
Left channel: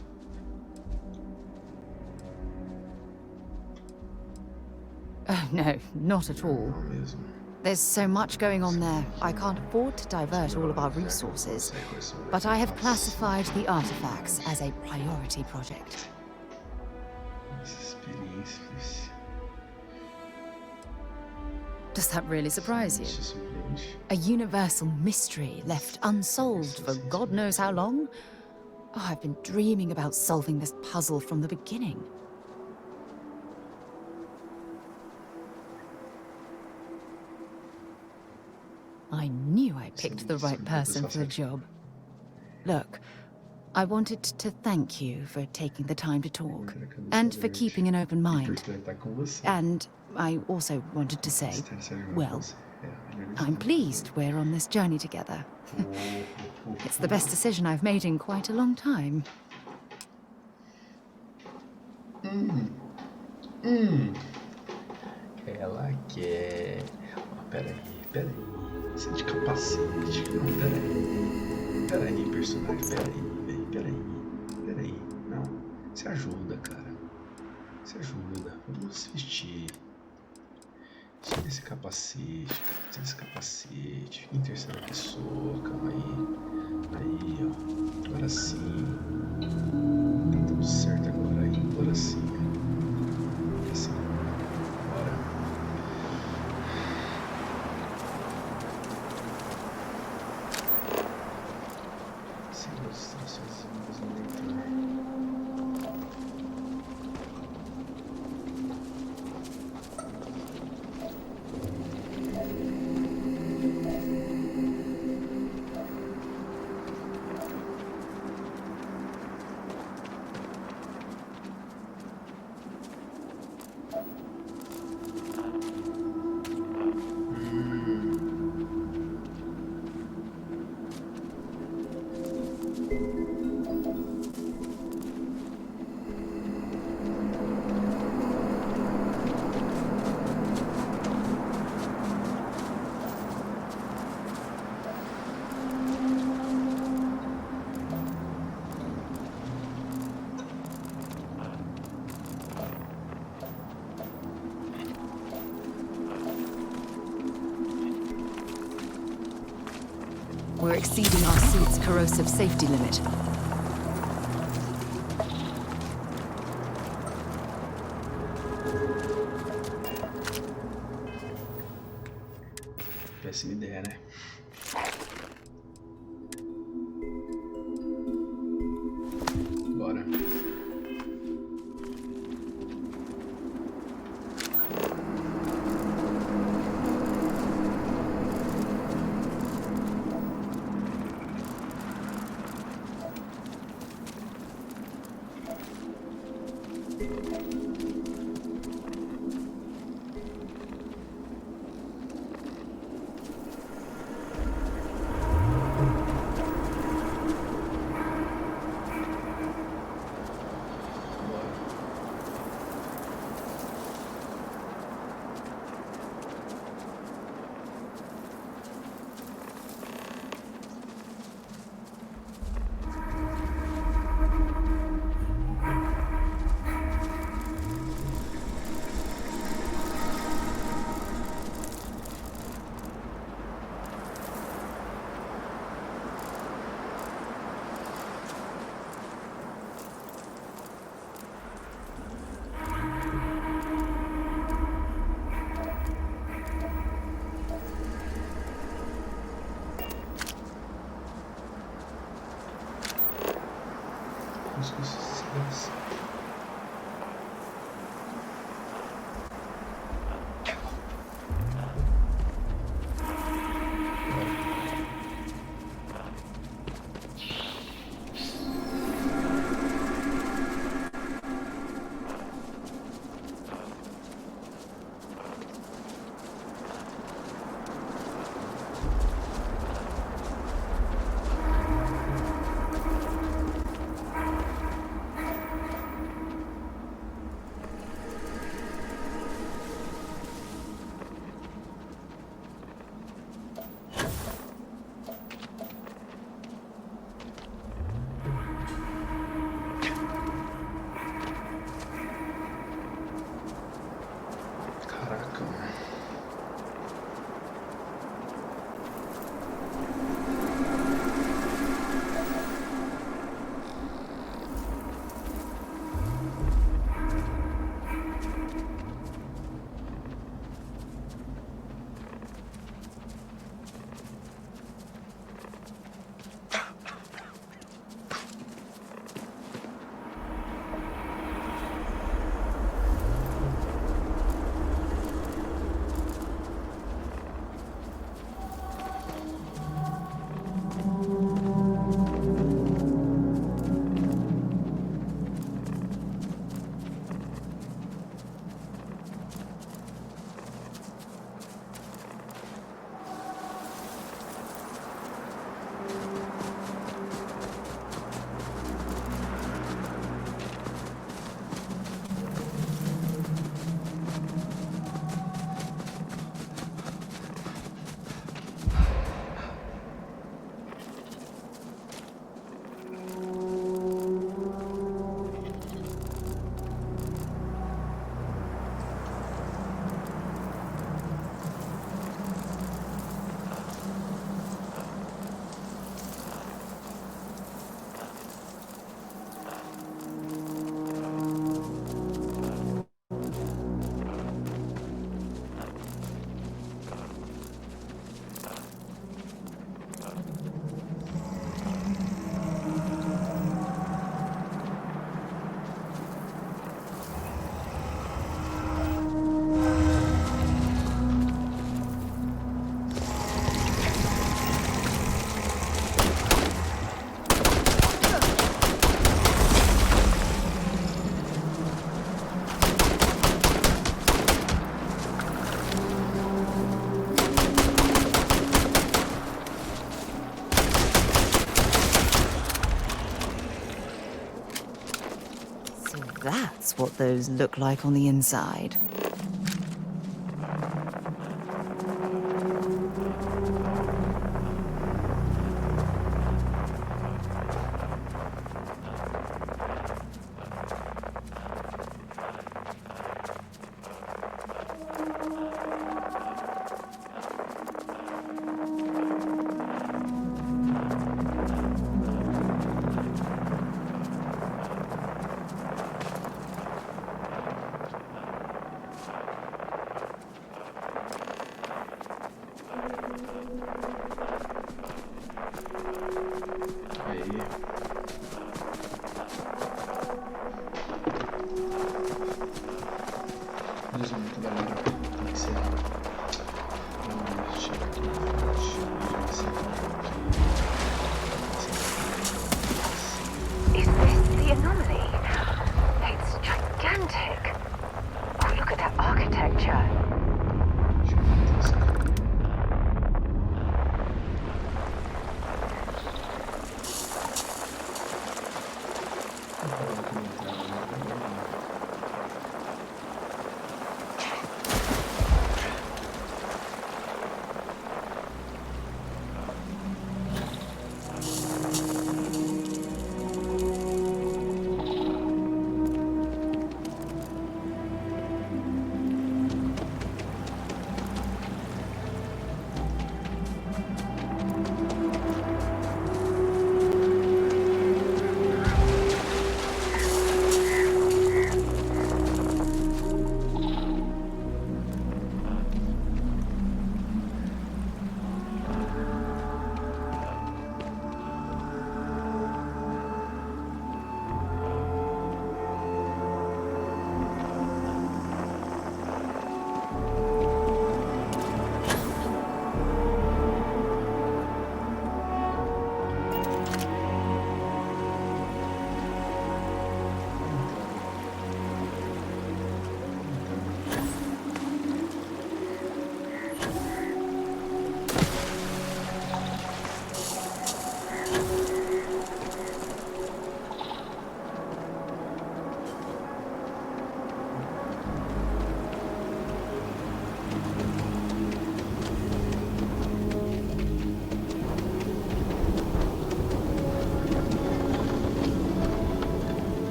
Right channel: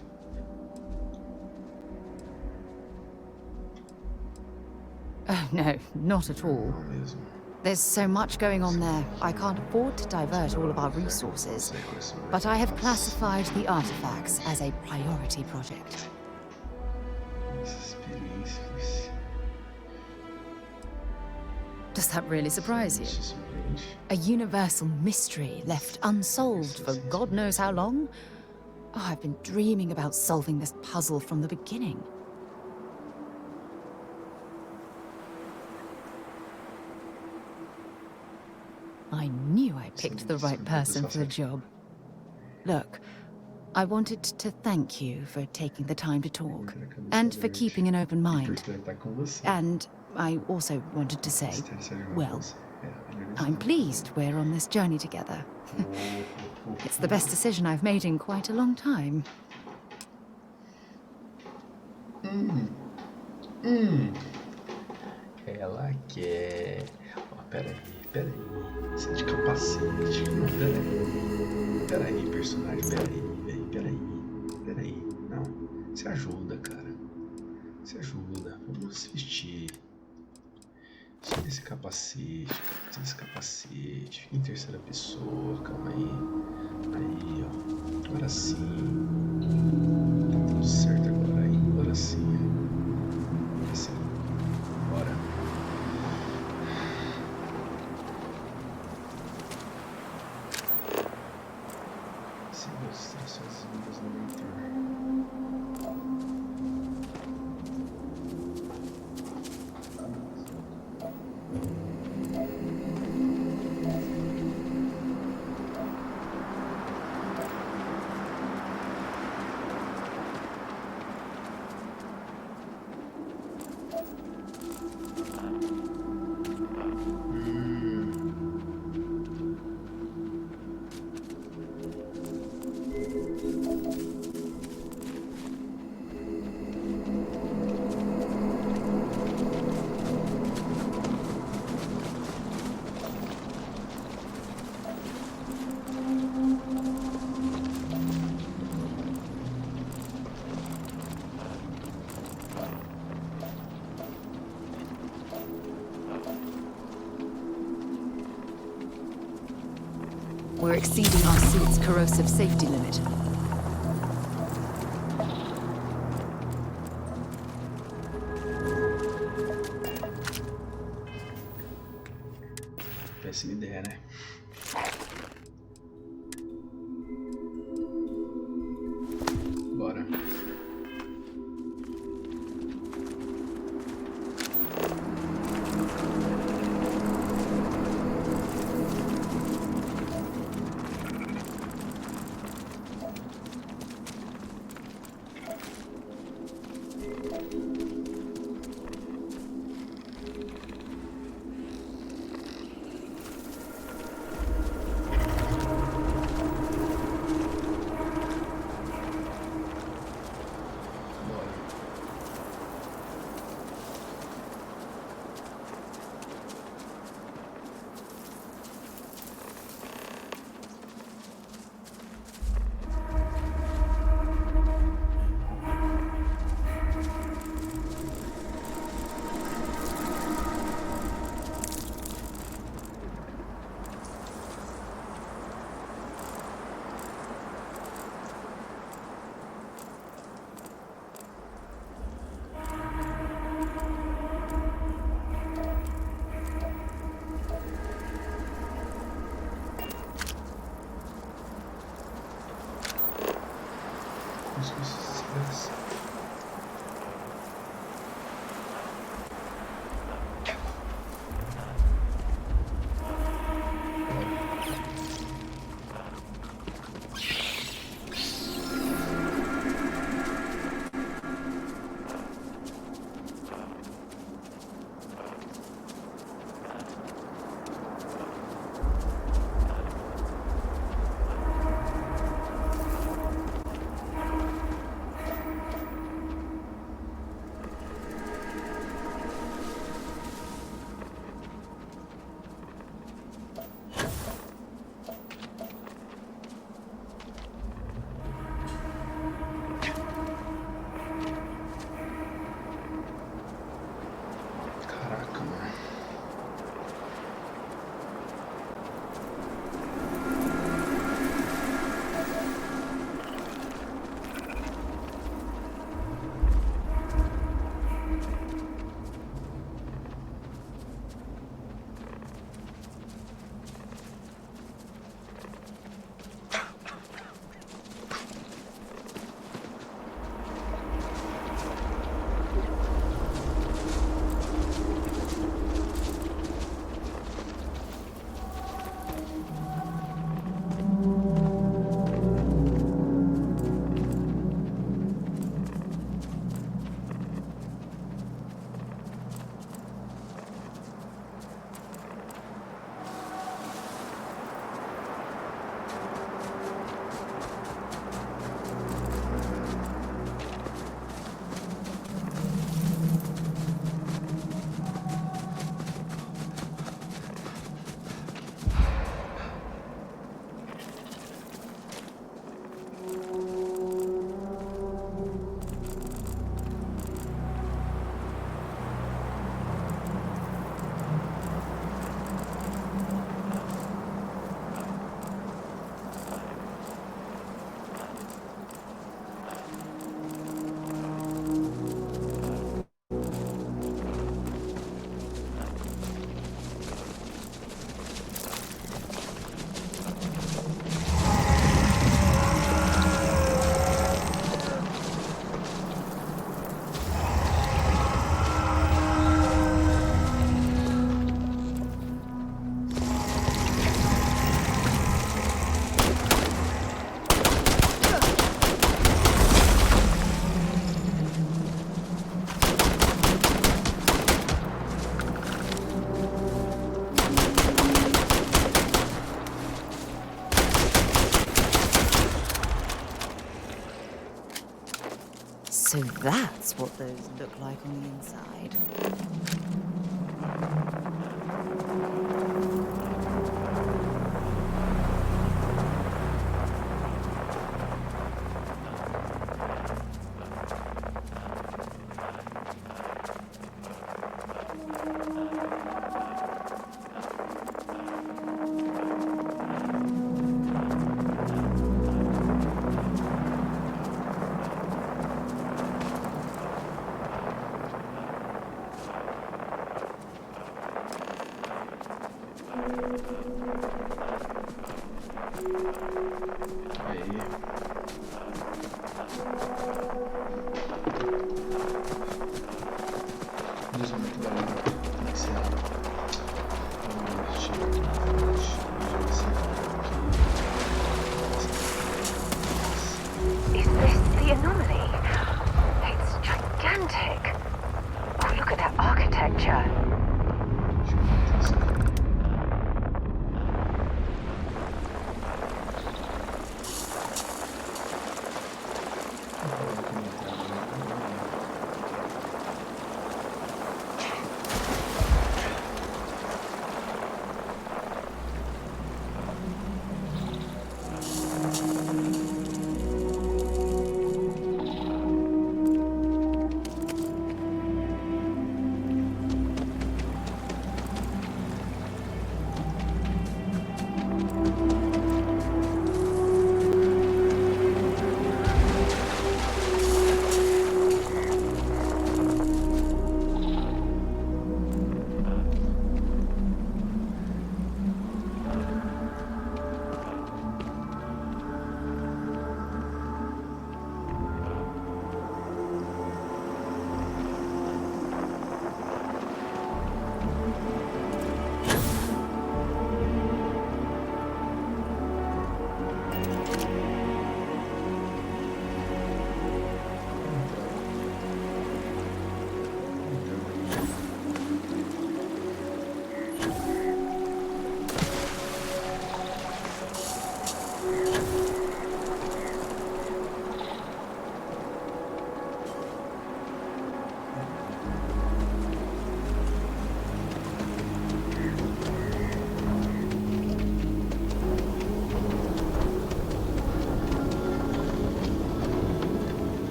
Oh, no, not at all. There's so much going on there, I can't afford to divert all of our resources. But I have classified the artifacts as a priority project. Does that really surprise you? A universal mystery left unsolved for God knows how long? Oh, I've been dreaming about solving this puzzle from the beginning. I knew I picked the right person for the job. Look, I wanted to thank you for taking the time to talk, and for keeping an open mind. And I also wanted to say, well, I'm pleased we're on this journey together. It's the best decision I've made in quite a long time. Ela quer... Oh, peraí. Você é de capacete. Não, peraí, personagem. Peraí. Não. Você ajuda, cara. Você ajuda. Vamos se vestir. Tira esse capacete, Fica em terceira pessoa. Calma aí. Aí, ó. Agora sim. Tá tudo certo agora aí. Agora sim. Assim. Bora. Siga as instruções vindas no leitor. exceeding our suit's corrosive safety limit. Péssima ideia, né? Bora. Caraca, mano. So that's what those look like on the inside. Aí. Deus é muito galera. Tem que ser. Vamos chegar aqui na frente. Is this the anomaly? It's gigantic. Oh, look at that architecture.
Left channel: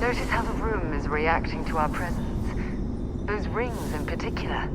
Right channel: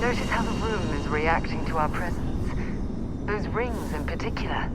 Notice how the room is reacting to our presence. Those rings in particular.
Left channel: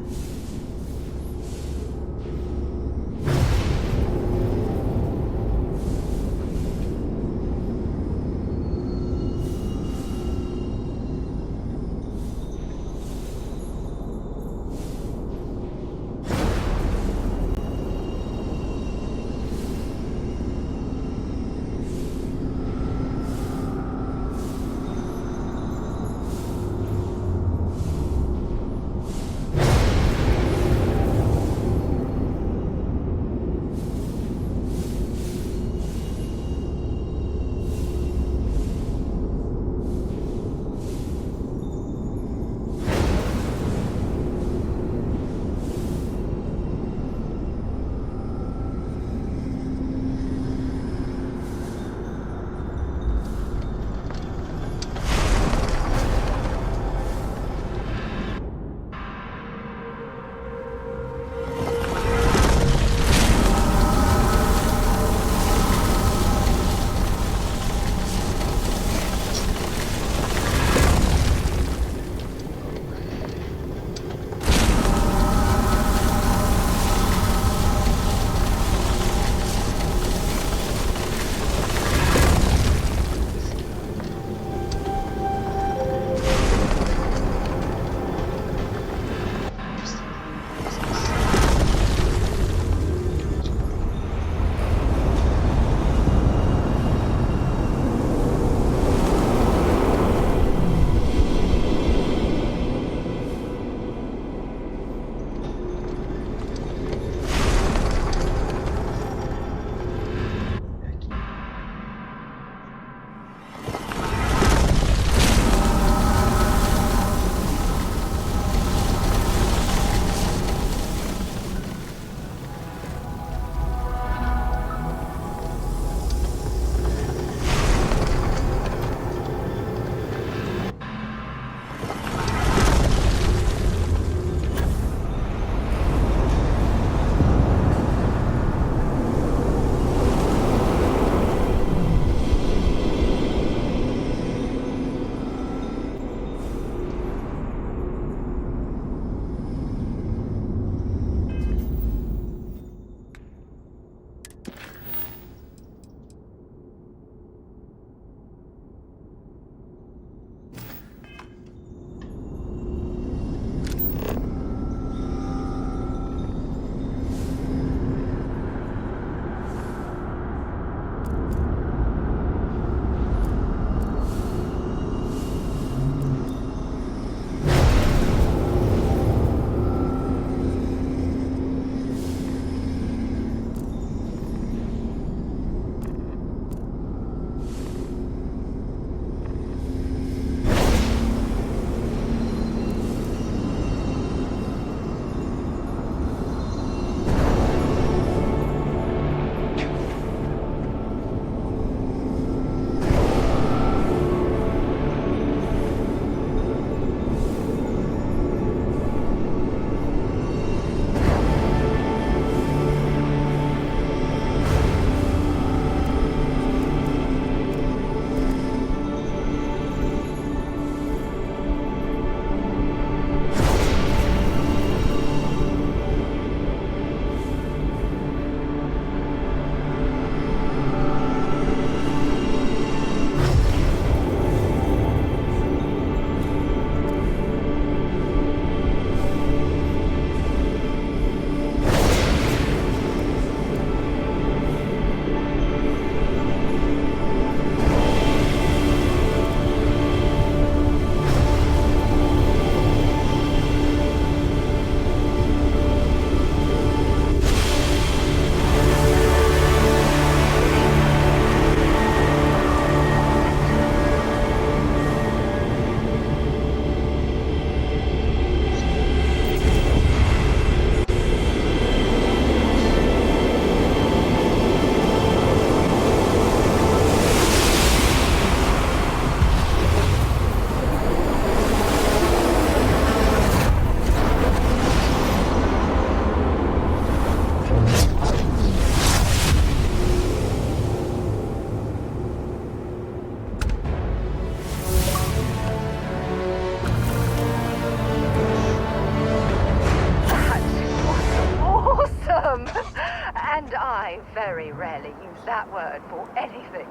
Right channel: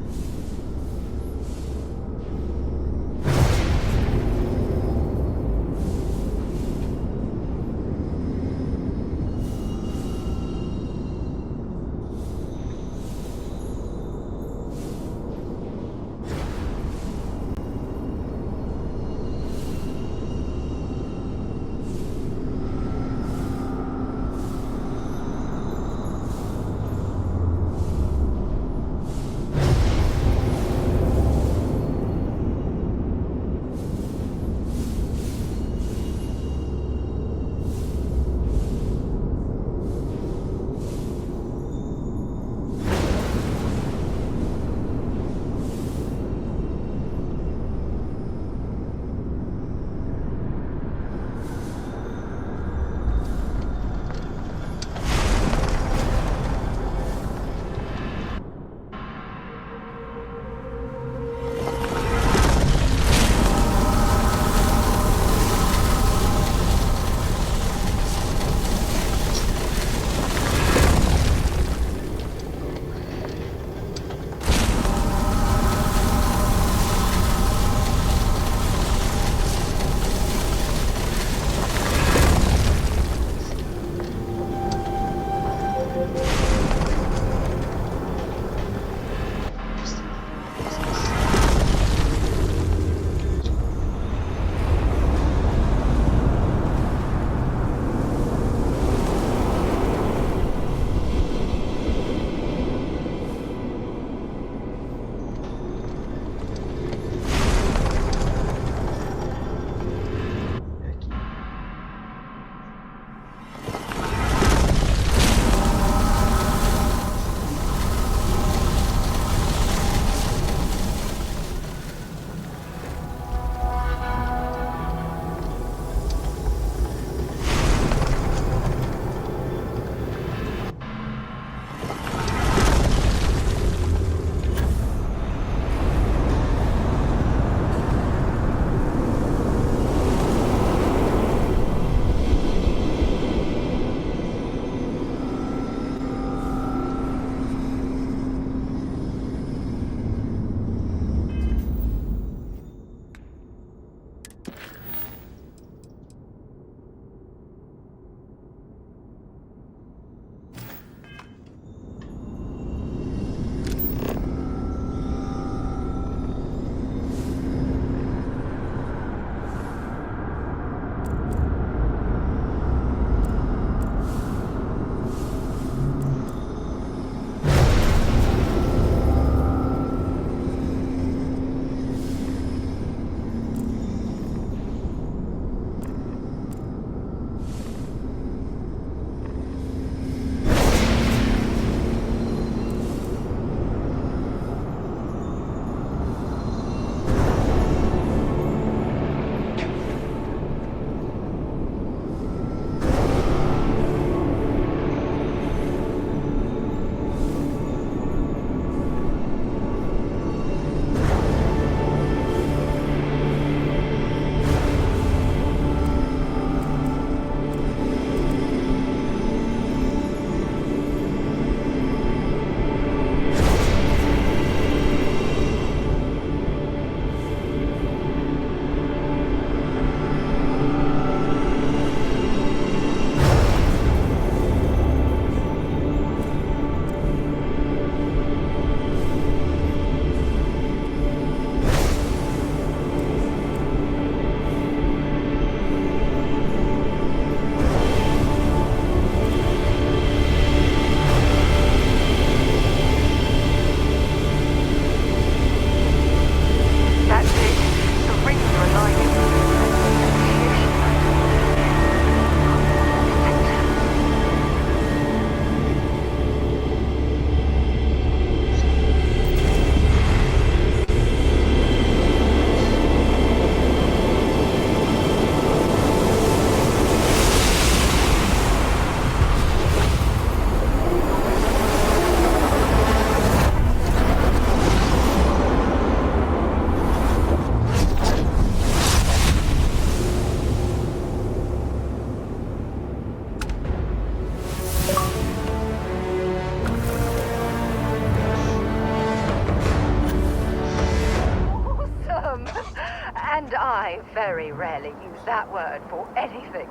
very rarely use that word for anything.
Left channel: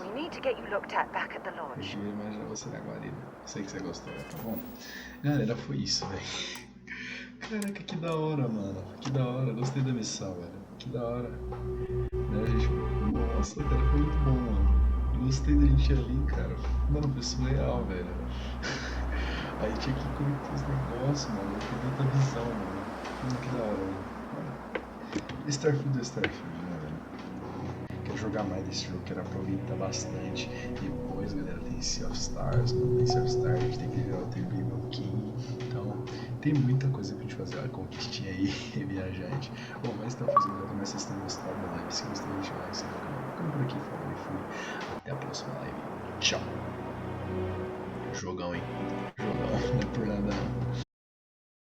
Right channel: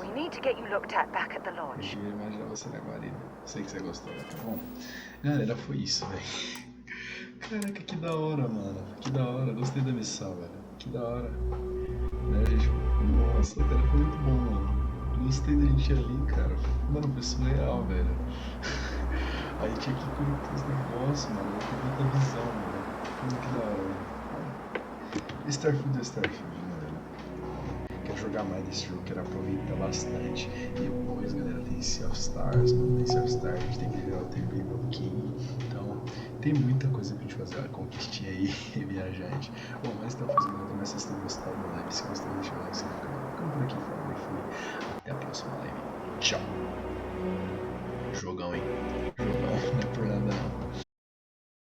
We need to get you looked at back at the lodge. Eu ia imaginar você na guarida. Sei que você gostou, tá bom? Galera, foi isso, velho. Caraca, que da hora, mano. Que da hora. Gostei da missão, velho. Que da hora. Né, gente? Nossa, cara, foi muito bom, mano. Gostei da gente ali, cara. Mano, foi surreal, velho. Aí tinha que conectar os negócios, mano. Eu tive outra visão, mano. Que da hora, velho. Starfield é Starfield, né, velho? Quero jogar mais desse jogo, quero aproveitar bastante. E depois, galera, tem Sea of Stars, mano. Tem Sea of Stars, a gente tem que ver o Terrível King. Então, tem muita coisa pra gente fazer. Olha, conquistinha aí, viajante. Bom, mas então, galera, eu também vocês tenham gostado da live. Se gostou, deixa o like, se inscreve no canal. Ficando por aqui, falando e fui. Até a próxima live. Tchau. Jogão, hein? Jogão, não é por nada não.